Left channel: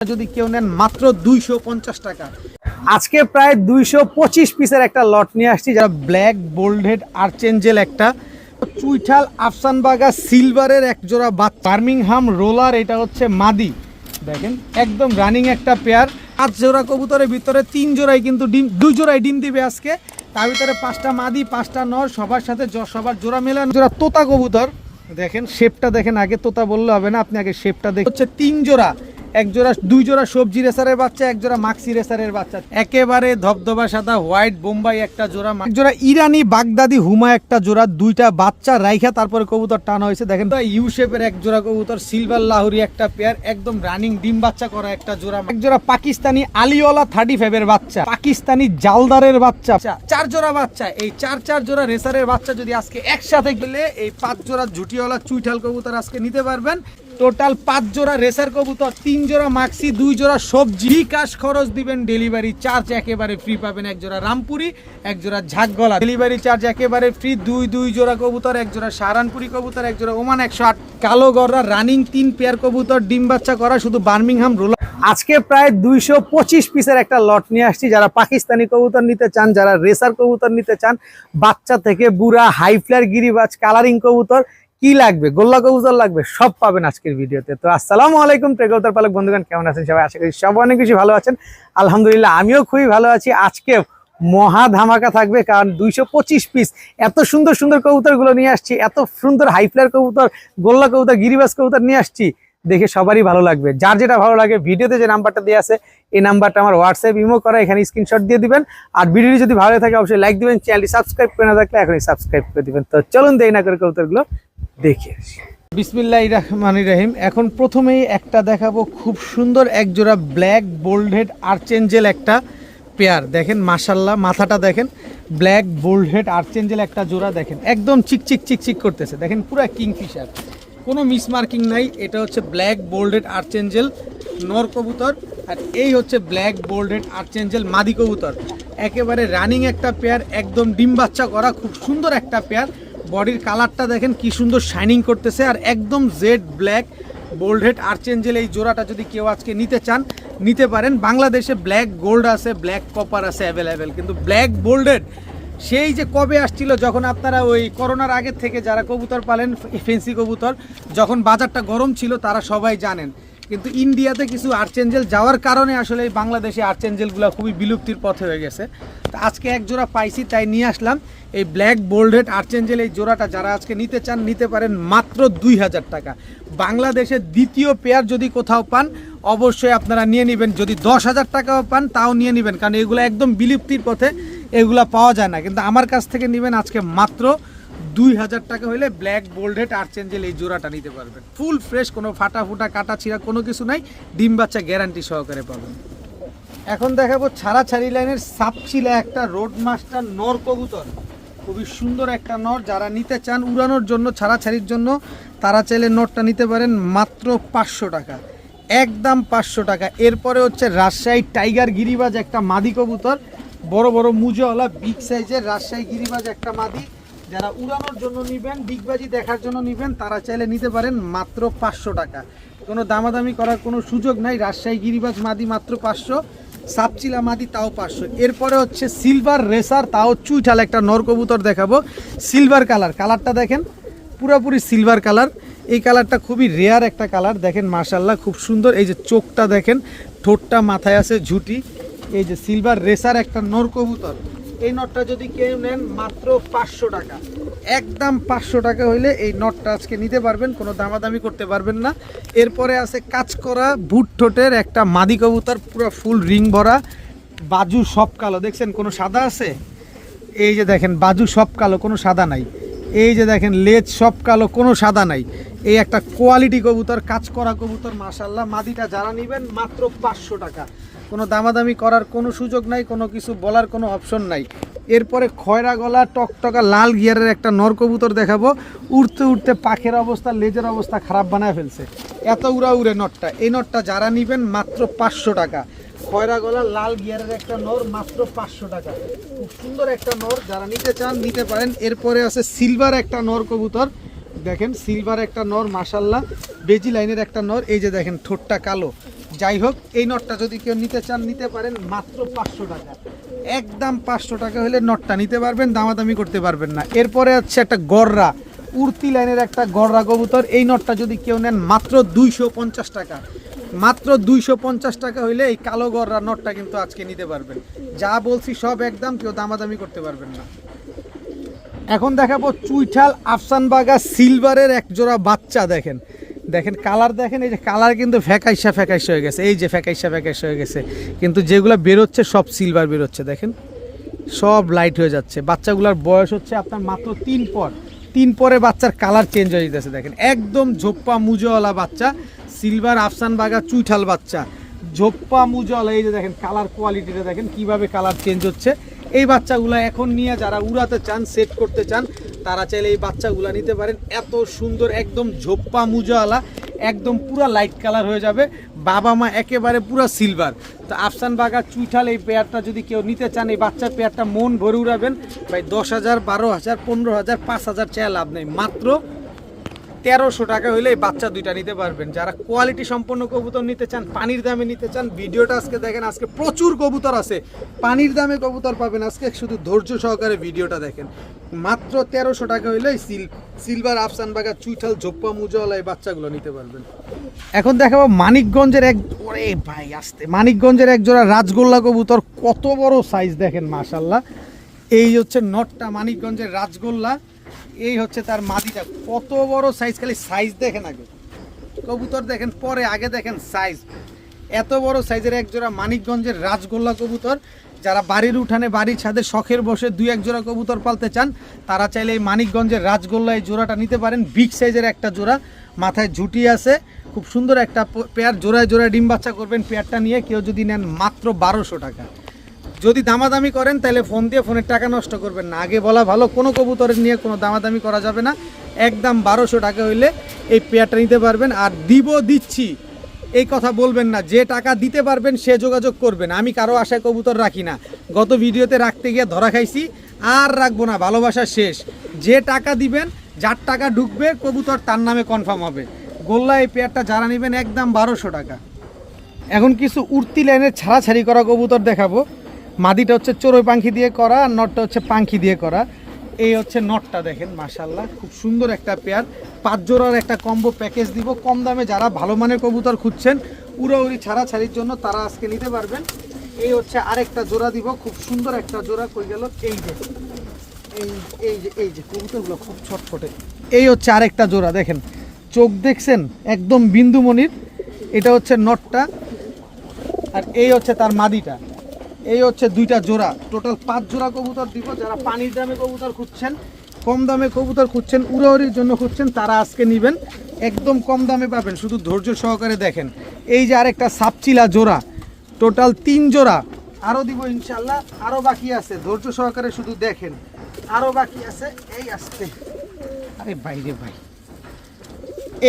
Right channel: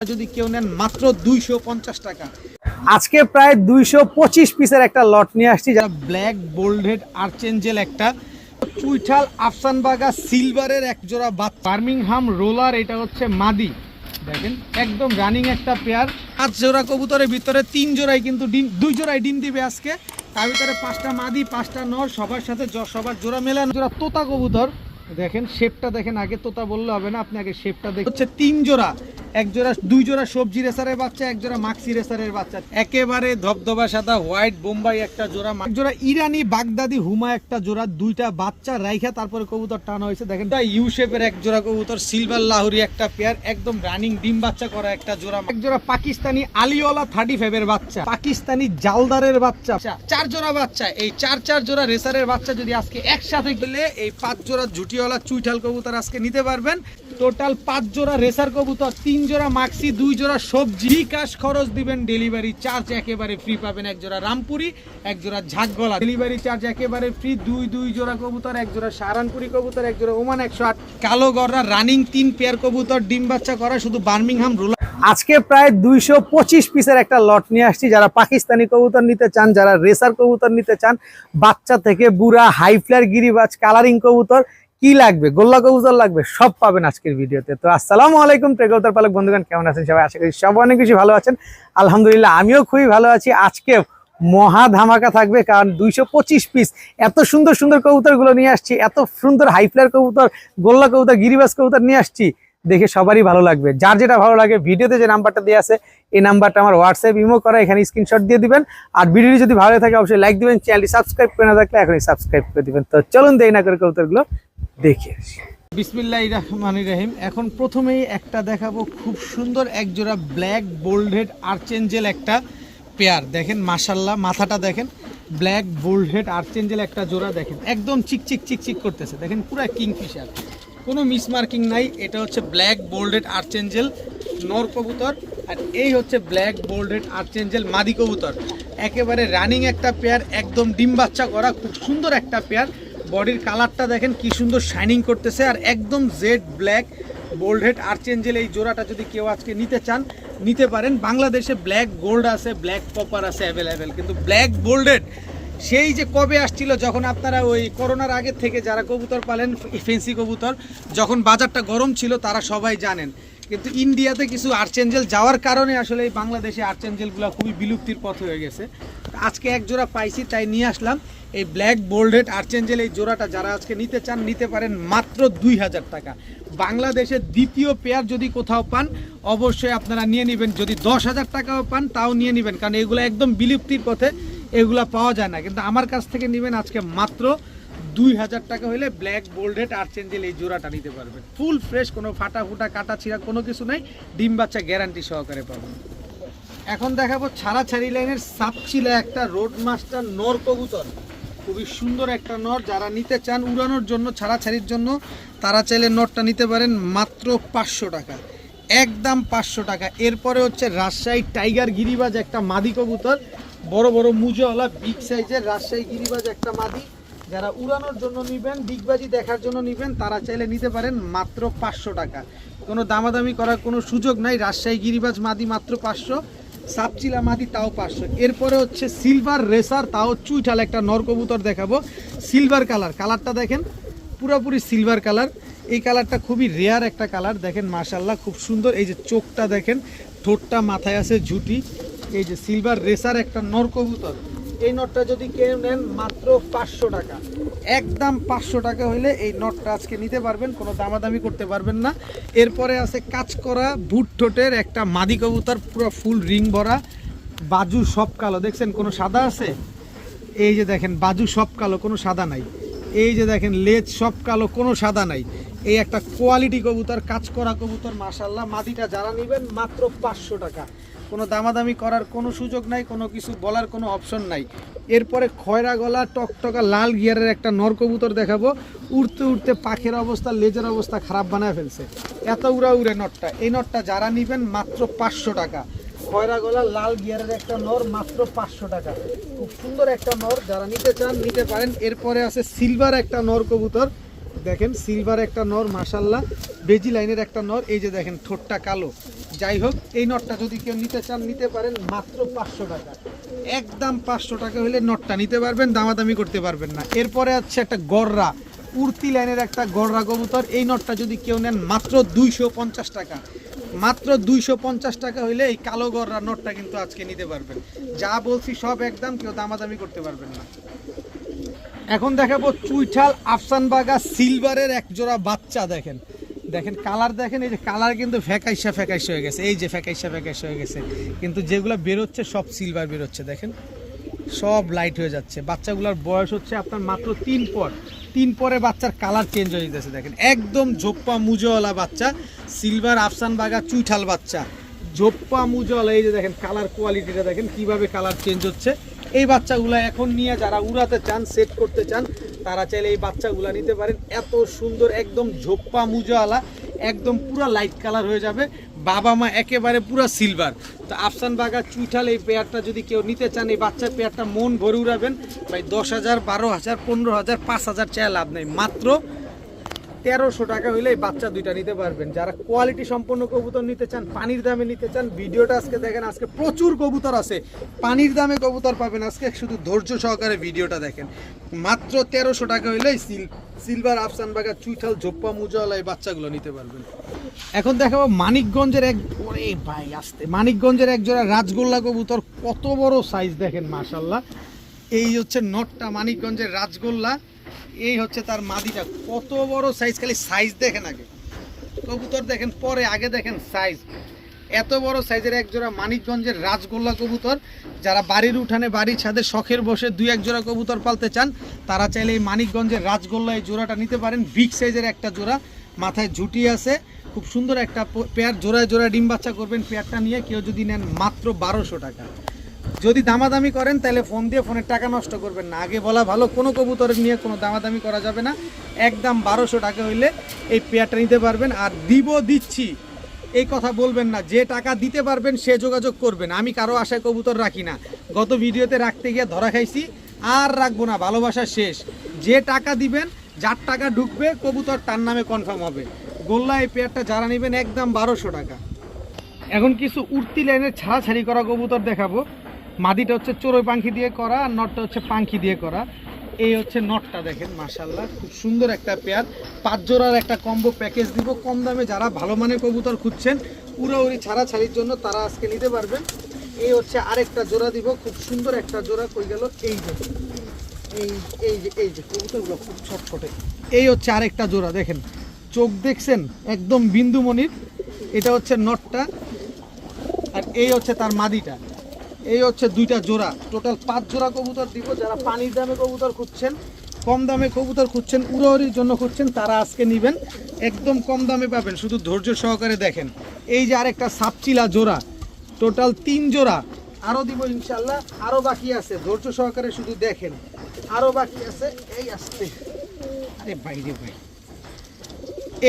যদি কেউ নেন মাত্র 250 টাকা। আজকে প্রায় 225 পিসের একটা লট নিয়ে আসছি, যারা ব্ল্যাক বোল্ডহেড আর্চেঞ্জেল একটা চুইঠাল আফসানবাগা সিলভারের এক জোড়া বার্মিংহাম রোলার, এটা হচ্ছে মাদি। দেখেন একদম রানিং একটা পেয়ার। 5 জোড়া কবুতরের ভিতরে 3 জোড়াই কিন্তু ডিম, 2 জোড়াই ডিম দিবে আজকে। তার ভিতরে 5টা মাদি 5টা নর, সবার সাথে সবার জোড়া মেলানো। জোড়া তোতা কবুতর, দেখেন শেপটা দেখেন, আগে তোতা বললে হবে না, আপনি আগে শেপটা দেখেন। হচ্ছে 3 জোড়া, 2 জোড়া সবজি রেসারের বাচ্চা, 1 জোড়া মাক্সি রেসারের বাচ্চা, একেবারে ধবধবা সাদা হোয়াইট বোম্বাই একটা জোড়া, 1 জোড়া ইরানি বাগদাদি হুমা একটা জোড়া, 2টা বাচ্চা রাইখা তারপরে কবুতর টানা হয়েছে। দেখেন ইউ শেপের 1 জোড়া কবুতর, সিলভার লাহুরি একটা পেয়ার, একদম রানিং ডিম বাচ্চা করা একটা জোড়া, 1 জোড়া পাকিস্তানি আলিওয়ালা 35 এর বাচ্চা, পাকিস্তানি জালদারের বাচ্চা, 4 জোড়া বাচ্চা। এই 4 জোড়া রেসারের বাচ্চা যদি আজকে একসাথে গেলে এই 5 জোড়া ঝুটিওয়ালা চুইঠাল কবুতর আজকে নিতে পারবেন। টোটাল 5 জোড়া রেসার কবুতর, 3 জোড়া মাক্সি, 2 জোড়া সবজি। বিকাশ খরচ দিবেন, ডেলিভারি চার্জ একেবারে ফ্রি পাবেন। 1 জোড়া রামপুরি, 1 জোড়া ঝাকগলা, ডেলিভারি চার্জ একেবারে ফ্রি। 2 জোড়া কবুতর, 1 জোড়া সাহারানপুরি কবুতর, 1 জোড়া ওমান 108 কালো গররা রানিং 3 পেয়ার কবুতর, ডিম বাচ্চা করা, শুধু বার্মিংহাম রোলার। আজকে প্রায় 225 পিসের একটা লট নিয়ে আসছি। যারা পাকিস্তানি কবুতর নিতে চান, যারা রেসার কবুতর নিতে চান, বাচ্চা থেকে বুড়া, হাই ফ্লায়ার, গিরিবাজ, কালারিং কবুতর, কি লাগবে, গোল্লা কবুতর লাগবে, সব পাবেন আজকের ভিডিওতে। তো আসসালামু আলাইকুম কবুতর পালক বন্ধুগণ, কেমন আছেন সবাই? আশা করি সবাই অনেক বেশি ভালো আছেন। আলহামদুলিল্লাহ আমিও খুবই ভালো আছি। আজকে মহা ধামাকা থাকবে, কারণ 225 পিস এত সুন্দর সুন্দর কবুতরগুলো নিয়ে আসছি, এত সুন্দর হাই ফ্লায়ার কবুতর, গোল্লা কবুতর, গিরিবাজ কবুতর নিয়ে আসছি। দেখে সবারই ভালো লাগবে। যার যেটা ভালো লাগে, ভিডিওতে যে নাম্বারটা দেওয়া আছে এই নাম্বারটা আমার হোয়াটসঅ্যাপ ইমো করা, এখানে স্ক্রিনশট দিয়ে দিবেন। আর ভিডিওটি যদি ভালো থাকে অবশ্যই লাইক দিবেন, চ্যানেলটি সাবস্ক্রাইব করে না থাকলে এখনই সাবস্ক্রাইব করে দিবেন। তো চলুন দেরি না করে কবুতরগুলো দেখে আসি। বিসমিল্লাহির রহমানির রহিম। এখন প্রথমেই একটা দেখাবো, খুব সুন্দর 1 জোড়া ব্ল্যাক বোল্ডহেড আর্চেঞ্জেল একটা পেয়ার। দেখেন মাশাল্লাহ, মাথাটা দেখেন, ব্ল্যাক বোল্ডহেড আর্চেঞ্জেল একটা জোড়া, দেখেন একদম চিকচিক চিকচিক করতেছে, দেখেন পুরো কিংফিশার, কোনো মিসমার্কিং নাই। এটা হচ্ছে ব্ল্যাক বোল্ডহেড আর্চেঞ্জেল নর কবুতর, আর এই হচ্ছে ব্ল্যাক বোল্ডহেড আর্চেঞ্জেল মাদি কবুতর। একেবারে রানিং একটা পেয়ার, একদম ডিম বাচ্চা করা, খুব সুন্দর একটা পেয়ার। বডির কালারটা দেখেন কি সুন্দর শাইনিং করতেছে, আর একদম জেড ব্ল্যাক বোল্ডহেড আর্চেঞ্জেল এই জোড়াটা যদি কেউ আজকে নিতে চান নিতে পারেন। বাংলাদেশে ব্ল্যাক গোল্ড আছে, ব্ল্যাক কপার আছে অ্যাভেলেবেল, কিন্তু ব্ল্যাক বোল্ডহেড সেই যে কবে আসছিল, যখন আপনারা ওই করোনার আগের থেকে যারা কবুতর পালেন ফেন্সি কবুতর, যখন বাজারটা গরম ছিল তারা সবাই জানেন। কিন্তু ইন্ডিয়াতে কিছু আর্চেঞ্জেল যাওয়ার কারণে আসলে এই বাংলাদেশে আর্চেঞ্জেলগুলো খুবই বিলুপ্তির পথে হয়ে গেছে। তো আজকে 1 জোড়া পাইছি, তাই নিয়ে আসলাম এই ব্ল্যাক বোল্ডহেড আর্চেঞ্জেল এই জোড়াটা। যারা আজকে নিতে চান নিতে পারেন মাত্র 2000 টাকা। বাংলাদেশের দ্বিতীয় পেয়ার যদি কোথাও পান অবশ্যই আপনারা নিয়ে নেবেন। যদি 10,000 টাকাও পান তাও নিয়ে নেবেন, কারণ এগুলো একদম বিলুপ্তির পথে, এগুলা পাওয়া যায় না। কিন্তু আমার কাছ থেকে নেবেন আজকে মাত্র 2000 টাকা হলে ব্ল্যাক বোল্ডহেড আর্চেঞ্জেল এই জোড়াটা নিতে পারবেন। ফুল ফ্রেশ, কোনো ফাটা ফুটা কাটা ছিঁড়া কোনো কিছু নাই, ডিম বাচ্চা গ্যারান্টি সহকারে পাবেন। এখন দেখাবো ছাড়াছাড়ি লাইনের সাপচিলা একটা রোড মাস্টার নর কবুতর, খুবই সুন্দর একটা নর। যারা নিতে চান উড়ানোর জন্য, ছাড়াছাড়ির জন্য, তারা চাইলে নরটা নিতে পারেন মাত্র 500 টাকা, একদম 500 টাকা। এরপরে হচ্ছে রাজশাহী টাইগার গিরিবাজ একটা মাদি কবুতর, বড় বড় মুজওয়ালা বিগ সাইজের রাজশাহী গিরিবাজ একটা মাদি। যারা উড়ানোর জন্য নেবেন, বিগবাজি দেখার জন্য নেবেন, তারা চাইলে নিতে পারেন মাত্র 500 টাকা। কোনো দামাদামি করার কোনো সুযোগ নাই। রাজশাহী গিরিবাজ মাদি মাত্র 500, সাপচিলা মাদি তাও 500। এরপরে হচ্ছে সিলভার রেসার, তাও চুইঠাল একটা নর কবুতর দেখাবো, সিলভার কালার। কালারটা দেখেন পুরোপুরি সিলভার কালার। এই কালারটা খুবই রেয়ার একটা কালার, দেখেন মাশাল্লাহ খুব সুন্দর। এই যে চোখটা দেখেন, ঠোঁটটা মাথায় আছে ঝুটি। এই যে সিলভার রেসার একটা নর কবুতর, এই নটটা যদি কেউ নেন মাত্র 500 টাকা, একদম 500 টাকা হইলে এই নটটা আজকে নিতে পারবেন, কোনো দামাদামি করতে পারবেন না। এরপরে আছে কাজ করা বুট ঠোঁটের একটা মাদি কবুতর, পুরো ফুল রিং ভরা, বাজু সব কালো, দেখছেন কোনো সাদা আছে? এই যে দেখেন বাজু সব কালো, কোনো সাদা নাই। এই যে দেখেন লেজ সব কালো, কোনো সাদা নাই। এই একটা কোয়ালিটি কবুতর, কাজ করা কবুতর মাশাল্লাহ। মাদিটা যারা নেবেন মাত্র 500 টাকা, কোনো দামাদামি করার কোনো সুযোগ নাই, কোনো কিছু বলার কোনো অপশন নাই। এরপরে খয়রা গলা টকটকা লাল গিয়ারের একটা নর কবুতর দেখাবো। উড়তে উড়তে পাখের অবস্থা, লেজের অবস্থা খারাপ বানায় ফেলছে, এত উড়া উড়ে নটটা। এই নটটা যারা নেবেন মাত্র 500 টাকা। খয়রা গলা লাল গিয়ারের একটা নর, মাত্র 500 টাকা, খুব সুন্দর একটা নর। যারা নিতে চান নিতে পারেন। এরপরে আছে সিলভার একটা নর কবুতর, দেখেন সিলভার একটা নর মাশাল্লাহ, বেজি লাইনের একটা নর। এই যে দেখেন ঠোঁটটা কালো, যাই হোক, এই নটটা যদি কেউ নিতে চান নিতে পারেন মাত্র 500 টাকা, একদম 500 টাকা হলে নটটা নিতে পারবেন, দামাদামি করতে পারবেন না। এরপরে হচ্ছে একটা গররা, উড়তি লাইনের একটা গররা কবুতর, এই নটটা যদি কেউ নেন মাত্র 250 টাকা, মাত্র 250 টাকা হইলে এই কালো গররা নটটা কিন্তু আজকে নিতে পারবেন। যা বলছি সব একদম, কেউ দামাদামি করতে পারবেন না। এখন দেখাবো চুইঠাল আফসানবাগা সিলভারের এক জোড়া বাচ্চা। দেখেন দেখেন কালার দেখেন, এই যে কালার কিন্তু ফ্যাকাইসা হয়ে গেছে, এই যে ফ্যাকাইসা হয়ে গেছে, কিন্তু যেগুলো বেরোচ্ছে সব সিলভার বেরোচ্ছে, দেখেন সব লাইট হয়ে যাচ্ছে। বাচ্চাগুলোর বয়স হচ্ছে আপনার মাত্র 3 পরে বাচ্চার কালার চেঞ্জ হয়ে যেতেছে। দেখেন একদম ঝোপ্পা মুজোওয়ালা বাচ্চা, সিলভার আফসানবাগা চুইঠাল বাচ্চা, ঝোপ্পা মুজোওয়ালা। এই যে দেখেন কালার কোয়ালিটিটা দেখেন কিভাবে কালার চেঞ্জ হচ্ছে। এই বাচ্চাগুলো এখন নিয়ে যারা উড়াতে চান, সেট করতে চান, তারা চাইলে এই বাচ্চাগুলো নিতে পারেন। এত সুন্দর একদম ঝোপ্পা মুজোওয়ালা, একদম পুরো লাইট কালার হয়ে যাবে, বাবা মা একেবারে পুরো সিলভার। তো আফসানবাগা চুইঠাল এই পেয়ারটা যদি কেউ নিতে চান, এই বাচ্চার পেয়ারটা মন ভরে উড়াবেন ভাই। 10,000, 12,000, 15,000, 5,000 চায় লাভ নেই, মাত্র 1300 টাকা হলে এই বাচ্চা দুইটা নিতে পারবেন। যারা কোয়ালিটি সম্পন্ন কবুতর নিতে চান, পানির দামে নিতে চান, ভিডিওটা আজকে দেখেন, আজকে প্রচুর কবুতর আছে, পানির দামে কবুতর পাবেন আজকে, শুধু ধৈর্য সহকারে ভিডিওটা দেখেন। মাত্র 1300 টাকা হইলে সিলভার আফসানবাগা চুইঠাল ঝোপ্পা মুজোওয়ালা এই বাচ্চাগুলো নিতে পারবেন। এখন দেখাবো মানিকগঞ্জের এক, ওরে ভাই আসতে, মানিকগঞ্জের এক জোড়া রাজগোল্লা কবুতর, কত বড় সাইজ দেখেন মাশাআল্লাহ। এই হচ্ছে নটটা মানিকগঞ্জের রাজগোল্লা, এই হচ্ছে তার মাদিটা, কত বড় সাইজ, খালি সাইজ দেখেন আগে, কবুতর দেখেন পরে, আগে দেখেন সাইজ। এত বড় সাইজের এক জোড়া মানিকগঞ্জের রাজগোল্লা কবুতর, যারা বাড়ির উঠানে বাড়ির ছাদে শখের বসে 2-1 জোড়া কবুতর পালতে চান, তারা চাইলে এই মানিকগঞ্জের রাজগোল্লা এই জোড়াটা নিতে পারেন। বিগ সাইজের একটা জোড়া, মাথায় ঝুটি আছে, খুব সুন্দর একটা পেয়ার, জোড়ায় জোড়ায় ডিম বাচ্চা করবেন। পেয়ারটা নিয়ে কেউ যদি নেন মাত্র 1200 টাকা। যদি দামাদামি করেন তাহলে ফোন দিয়ে ফোনের টাকা নষ্ট করবেন না, আগে বলা ভালো, কোনো কবুতরের নিয়ে কোনো দামাদামি করা যাবে না, একদম 1200 টাকা হইলে এই পেয়ারটা নিতে পারবেন। আর দিচ্ছি এই কথা বলবেন না, যে টাকা দিতে পারবেন সে যোগাযোগ করবেন। আমি কারো আশায় কবুতর রাখি না, গত ভিডিওতে রাখতে গিয়ে ধরা খাইছি, আর রাখবো না, ভালোবাসা শেষ। যে টাকা দিবেন, যার টাকা ঢুকবে কবুতর তার নামে কনফার্ম হবে। গোল্লা এই পেয়ারটা যারা নেবেন একদম 1200 টাকা। এখন কিছু উড়তি লাইনের ছাড়াছাড়ি করা কবুতর দেখাবো। মাদিটা হচ্ছে চড়ুই পাখি দিয়ে করা, আর নটটা হচ্ছে পাখি দিয়ে করা। এই হচ্ছে নটটা দেখেন মাশাআল্লাহ, খুব সুন্দর একটা পেয়ার, 5 জোড়ার একটা কম্বো প্যাকেজ দিব কম দামে। যারা ভালো মানের কবুতর খুঁজছেন উড়াউড়ি ছাড়াছাড়ির জন্য, তারা আজকে নিতে পারবেন। এই হচ্ছে আরেকটা জোড়া দিব, খুব সুন্দর একটা জোড়া, কই গেল, এই যে এই যে কবুতরগুলো খুব ছটফটে। এই হচ্ছে আরেকটা জোড়া, দেখেন চোখ দেখছেন একদম বিন্দুমণির, এটা হচ্ছে নটটা, আর এই হচ্ছে তার মাদিটা। এই হচ্ছে 2টা জোড়া, টোটাল 5 জোড়া কবুতর দিব। যারা পানির দামে কবুতর খুঁজছেন, কম দামে কবুতর খুঁজছেন, উড়াউড়ির জন্য খুঁজছেন, তারা আজকে নেবেন, একদম কম দামে পাবেন, শুধু ধৈর্য সহকারে দেখেন। এই যে আরেকটা সাপচিলা জোড়া, টোটাল 3 জোড়া, আরও দিব ইনশাল্লাহ, আরও বাকি আছে, ধৈর্য সহকারে শুধু দেখেন, আরও বাকি আছে। এই আজকে, আরে বাইরে ভাই,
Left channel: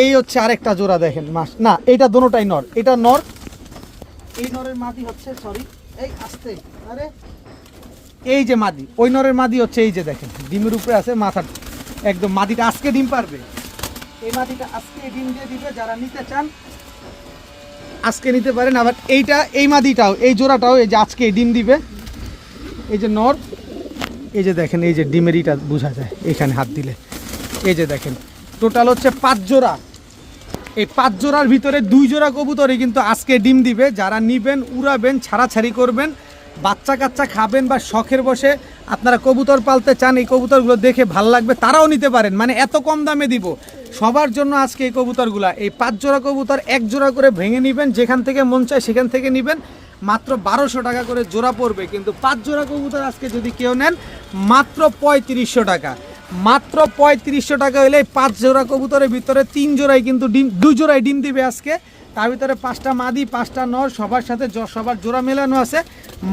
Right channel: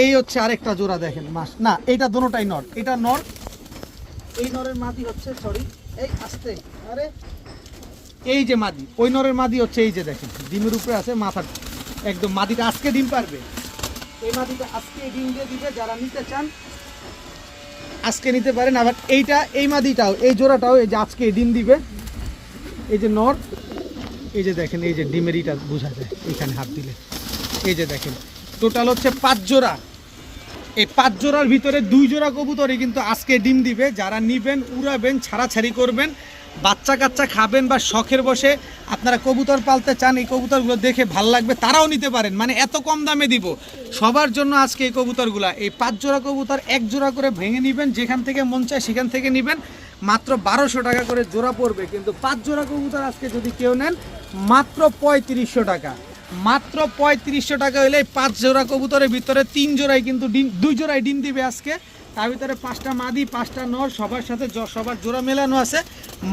এই হচ্ছে আরেকটা জোড়া দেখেন, না এটা দোনোটাই নর, এটা নর, এই নরের মাদি হচ্ছে, সরি এই আসতে, আরে এই যে মাদি, ওই নরের মাদি হচ্ছে, এই যে দেখেন ডিমের উপরে আছে, মাথা একদম, মাদিটা আজকে ডিম পারবে, এই মাদিটা আজকে ডিম দিয়ে দিবে। যারা নিতে চান আজকে নিতে পারেন। আবার এইটা, এই মাদিটাও, এই জোড়াটাও এই যে আজকে ডিম দিবে। এই যে নর, এই যে দেখেন, এই যে ডিমের ইটা বোঝা যায় এখানে হাত দিলে, এই যে দেখেন টোটাল হচ্ছে 5 জোড়া। এই 5 জোড়ার ভিতরে 2 জোড়া কবুতরই কিন্তু আজকে ডিম দিবে। যারা নিবেন, উড়াবেন, ছাড়াছাড়ি করবেন, বাচ্চা কাচ্চা খাবেন, বা শখের বসে আপনারা কবুতর পালতে চান, এই কবুতরগুলো দেখে ভাল লাগবে, তারাও নিতে পারেন। মানে এত কম দামে দিব সবার জন্য আজকে এই কবুতরগুলা। এই 5 জোড়া কবুতর 1 জোড়া করে ভেঙে নেবেন, যেখান থেকে মন চায় সেখান থেকে নেবেন, মাত্র 1200 টাকা করে জোড়া পড়বে। কিন্তু 5 জোড়া কবুতর আজকে যদি কেউ নেন মাত্র 3500 টাকা, মাত্র 3500 টাকা হলে 5 জোড়া কবুতরের ভিতরে 3 জোড়াই কিন্তু ডিম, 2 জোড়াই ডিম দিবে আজকে। তার ভিতরে 5টা মাদি, 5টা নর, সবার সাথে সবার জোড়া মেলানো আছে।